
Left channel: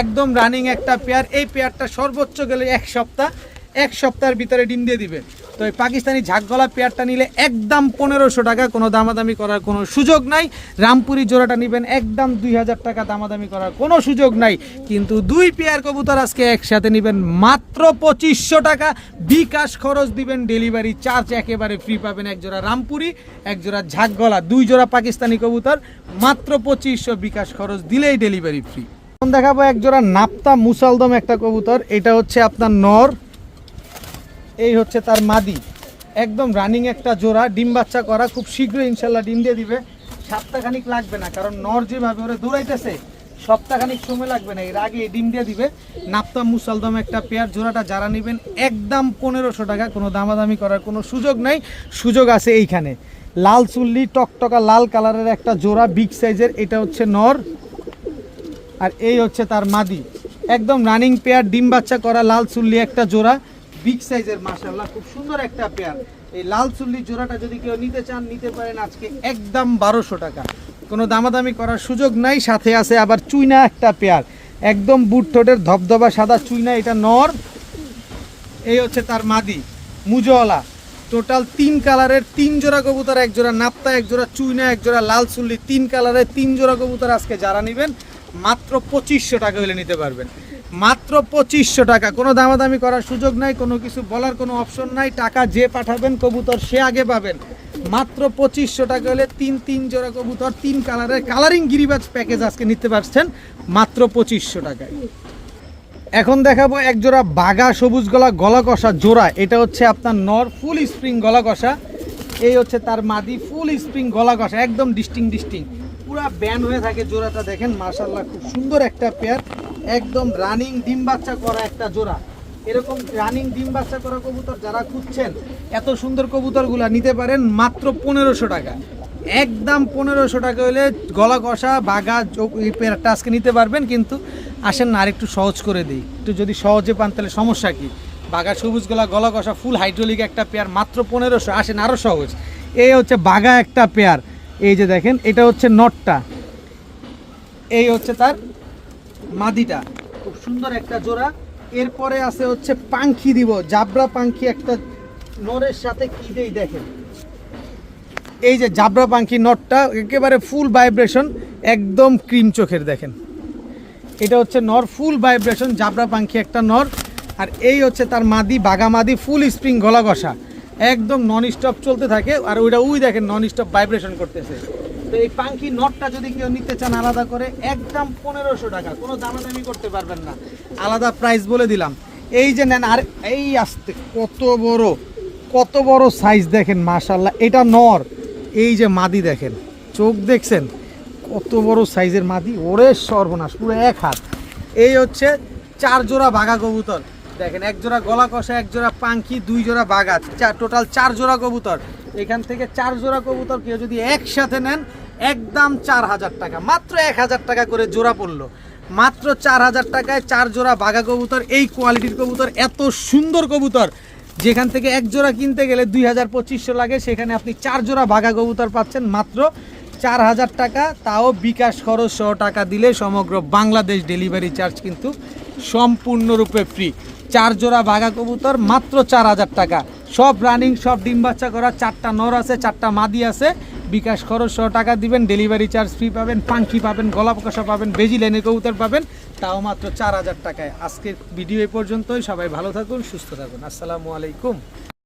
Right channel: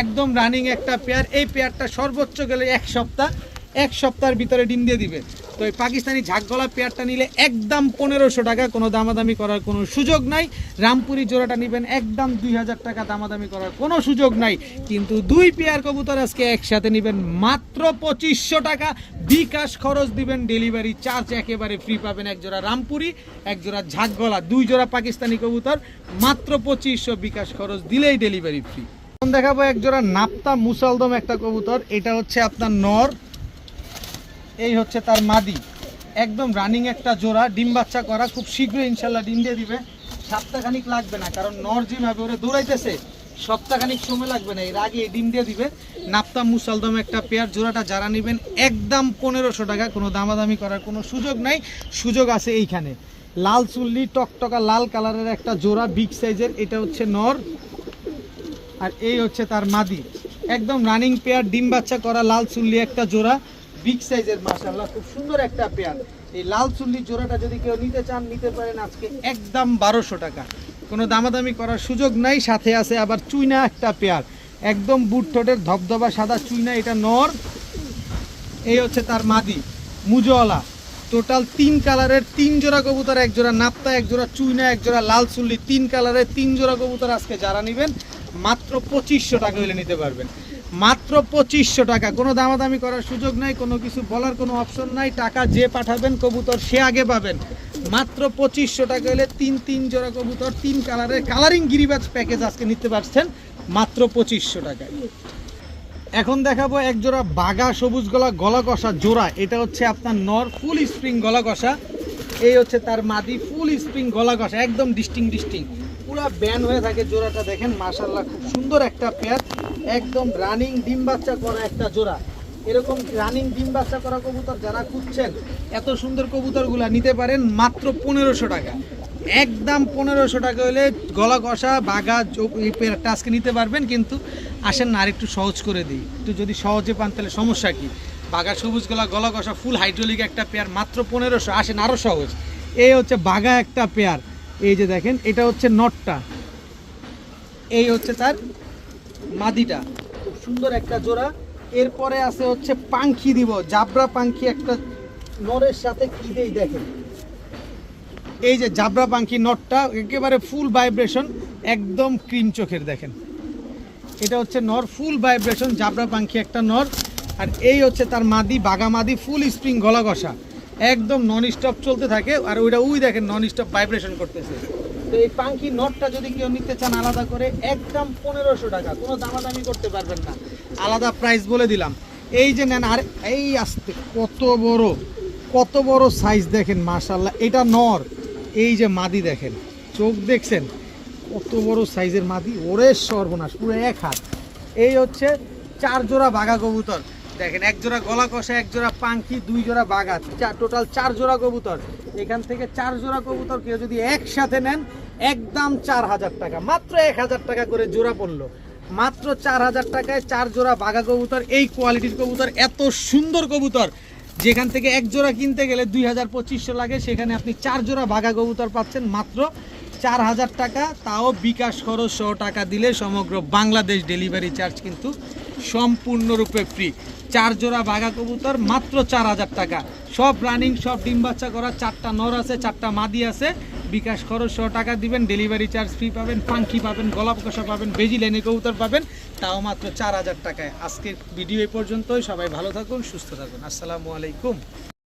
একদম রানিং একটা পেয়ার। এই পেয়ারটা সর্বোচ্চ গেলে এক সপ্তাহের ভিতরে ডিম দিয়ে দিবে। তো এই পাকিস্তানি ঝাঁক গলা পেয়ারটা নিলে একদম 1,500 টাকা, কোনো দামাদামি করার কোনো সুযোগ নাই। রামপুরি জোড়াটা নেবেন একদম 2,000 টাকা, দামাদামি করার কোনো সুযোগ নাই। কিন্তু 2 পেয়ার কবুতর আজকে একসাথে নেবেন মাত্র 2,500 টাকা। বিকাশ খরচ দিবেন, ডেলিভারি চার্জ একেবারে ফ্রি পাবেন। এক জোড়া রামপুরি, এক জোড়া ঝাঁক গলা, 2 জোড়া পাকিস্তানি কবুতর মাত্র 2,500, বিকাশ খরচ দিলেই ডেলিভারি ফ্রি। এখন দেখাবো এক জোড়া নাপ্তা মুসালদম একটা কবুতর, এটা হচ্ছে আপনার নর, এই হচ্ছে তার মাদি, একদম রানিং একটা জোড়া, ডিম বাচ্চা করা, খুব শীঘ্রই ইনশাল্লাহ ডিম দিয়ে দিবে। সপ্তাহখানিক লাগবে না, কারণ নর যেভাবে ওরা দৌড়াইতেছে সপ্তাহখানিক সময় লাগবে না, এর আগে ডিম দিয়ে দিবে। নাপ্তা মুসালদম একটা পেয়ার, জোড়াটা যারা নেবেন একদম 1,500 টাকা, কোনো দামাদামি করার কোনো সুযোগ নাই। সুযোগ আছে এইখানে। লাল চুল্লি টকটকা লাল কালারের একটা জোড়া, বিগ সাইজের, এটা হচ্ছে নর, আর এই হচ্ছে তার মাদি, একদম রানিং পেয়ার, ডিম বাচ্চা করা, লাল চুল্লি একটা জোড়া, বিগ সাইজের, মাশাআল্লাহ খুব সুন্দর একটা পেয়ার। এই লাল চুল্লি জোড়াটা যদি কেউ নিতে চান নিতে পারেন আজকে একদম 1,200 টাকা, কোনো দামাদামি করার সুযোগ নাই। সাথে আছে আবার চুইনা একটা পেয়ার, একদম বুট ঠোঁটের ধবধবা সাদা চুইনা, এটা নর, এই হচ্ছে তার মাদি মুজওয়ালা। টোটাল 3 কালারের 3 জোড়া কবুতর, এক জোড়া নাপ্তা, এক জোড়া চুইনা, এক জোড়া লাল চুল্লি, 3 কালারের 3 জোড়া কবুতর আজকে যারা নেবেন মাত্র 2,500 টাকা হলে নিতে পারবেন। মাত্র 2500 টাকা। কোনো দামাদামি করার সুযোগ নাই, কোনো কিছু বলার কোনো অপশন নাই। টাকা যে পাঠাবেন কবুতর সে আগে পাবেন। মাত্র 2500 টাকা হলে তিন জোড়া কবুতর 3 কালারের কালারিং গিরিবাজ প্যাকেজ আজকে নিতে পারছেন মাত্র 2500 টাকায়। এখন দেখাবো এক জোড়া বাঘা সবুজ গলা কষা জোড়া। এটা হচ্ছে আপনার নর, ফুল স্প্রিং গলা কষা। এই হচ্ছে তার মাদি, ফুল স্প্রিং গলা কষা, একদম ডিস্টিং পুরা ব্যান হয়ে থাকে জোড়াটা। দেখেন মাশাআল্লাহ খুব সুন্দর একটা পেয়ার, একদম রানিং ডিম বাচ্চা করা একটা জোড়া। এরকম রানিং ডিম বাচ্চা করা কবুতর যারা খুঁজছেন, এত সুন্দর কবুতরগুলো নিতে পারেন মাত্র 1500 টাকা। একদম 1500 টাকা হলে গলা কষা বাঘা এই পেয়ারটা আজকে নিতে পারবেন। কিন্তু আসেন না আরেকটু সহজ করে দিই, একটু যদি সহজে পান তাহলে সমস্যা কি। বাঘা সবুজ গলা কষা ফুল হাইড্রোলিক একটা পেয়ার মাত্র 1500। আসেন আরও সহজ, এই হচ্ছে বাঘা একটা পেয়ার। এই যে দেখেন এটা হচ্ছে নটটা, এই হচ্ছে তার মাদিটা, খুব সুন্দর একটা জোড়া। এরপরে আছে হচ্ছে পাঙ্খি দিব, জাবরা পাঙ্খি একটা নরের সাথে কি দেই দেখেন। এই যে জাবরা পাঙ্খি নটটা একেবারে ফুল ভাইব্রেশন, একদম ক্রিম চোখের। দেখেন এটা হচ্ছে নর, ফুল ভাইব্রেশন জাবরা পাঙ্খি একটা নর। আর এই হচ্ছে তার মাদি, বাঘা মাদি, ফুল স্প্রিং গলা কষা, একদম নন স্টপ চলতে থাকে। আর ওইটা দেখেন নন স্টপ ভাইব্রেশন করতেছে। তো এই পাঙ্খি নটটা যদি কেউ নিতে চান আলাদা করে, একদম 1500 টাকা, কোনো দামাদামি করতে পারবেন না, আলাদা প্রাইস বলে দিলাম। এই যে নেন। আর এই আসতে কত বড় সাইজ দেখেন মাশাআল্লাহ। এটা নর, এই যে মাদি দেখেন, চোখ দেখছেন কত বড় সাইজের মাদি। ওরে সর্বনাশ, পুরো এক হাত। এই হচ্ছে 4 জোড়া বাঘা কবুতর দেখেন, 1 জোড়া গলা কষা, 1 জোড়া পাঙ্খি, 2 জোড়া বাঘা, টোটাল 4 জোড়া কবুতর। এখান থেকে 4 জোড়া কবুতর কেউ যদি একসাথে নেন একদম 4000 টাকা, মাত্র 1000 টাকা করে জোড়া পড়লো। মাত্র 4000 টাকায় 4 জোড়া বাঘা কবুতর। এই কোয়ালিটির কবুতর, এত সুন্দর কবুতর, যেখান থেকে 1 জোড়া কিনতে গেলে 2000-2500 লাগে, সেখানে আপনি 4 জোড়া বাঘা কবুতর পাচ্ছেন মাত্র 4000 টাকা। তাও বিকাশ খরচ সহ টাকা দিলে সমগ্র বাংলাদেশ ডেলিভারি চার্জ কিন্তু সম্পূর্ণরূপে ফ্রি। 4 জোড়া বাঘা কবুতর মাত্র 4000 টাকা, সব রানিং, সব ডিম বাচ্চা করা, 4টা নর আছে, 4টা মাদি আছে। বিকাশ খরচ সহ টাকা দিবেন, ডেলিভারি চার্জ ফ্রি পাবেন, পাঙ্খি পাবেন, গলা কষা পাবেন, বেজি লাইনের কবুতর পাবেন, তাও মাত্র 4000 টাকায়। আজকের ভিডিও এই পর্যন্তই। সবাই ভালো থাকুন, সুস্থ থাকুন। আসসালামু আলাইকুম।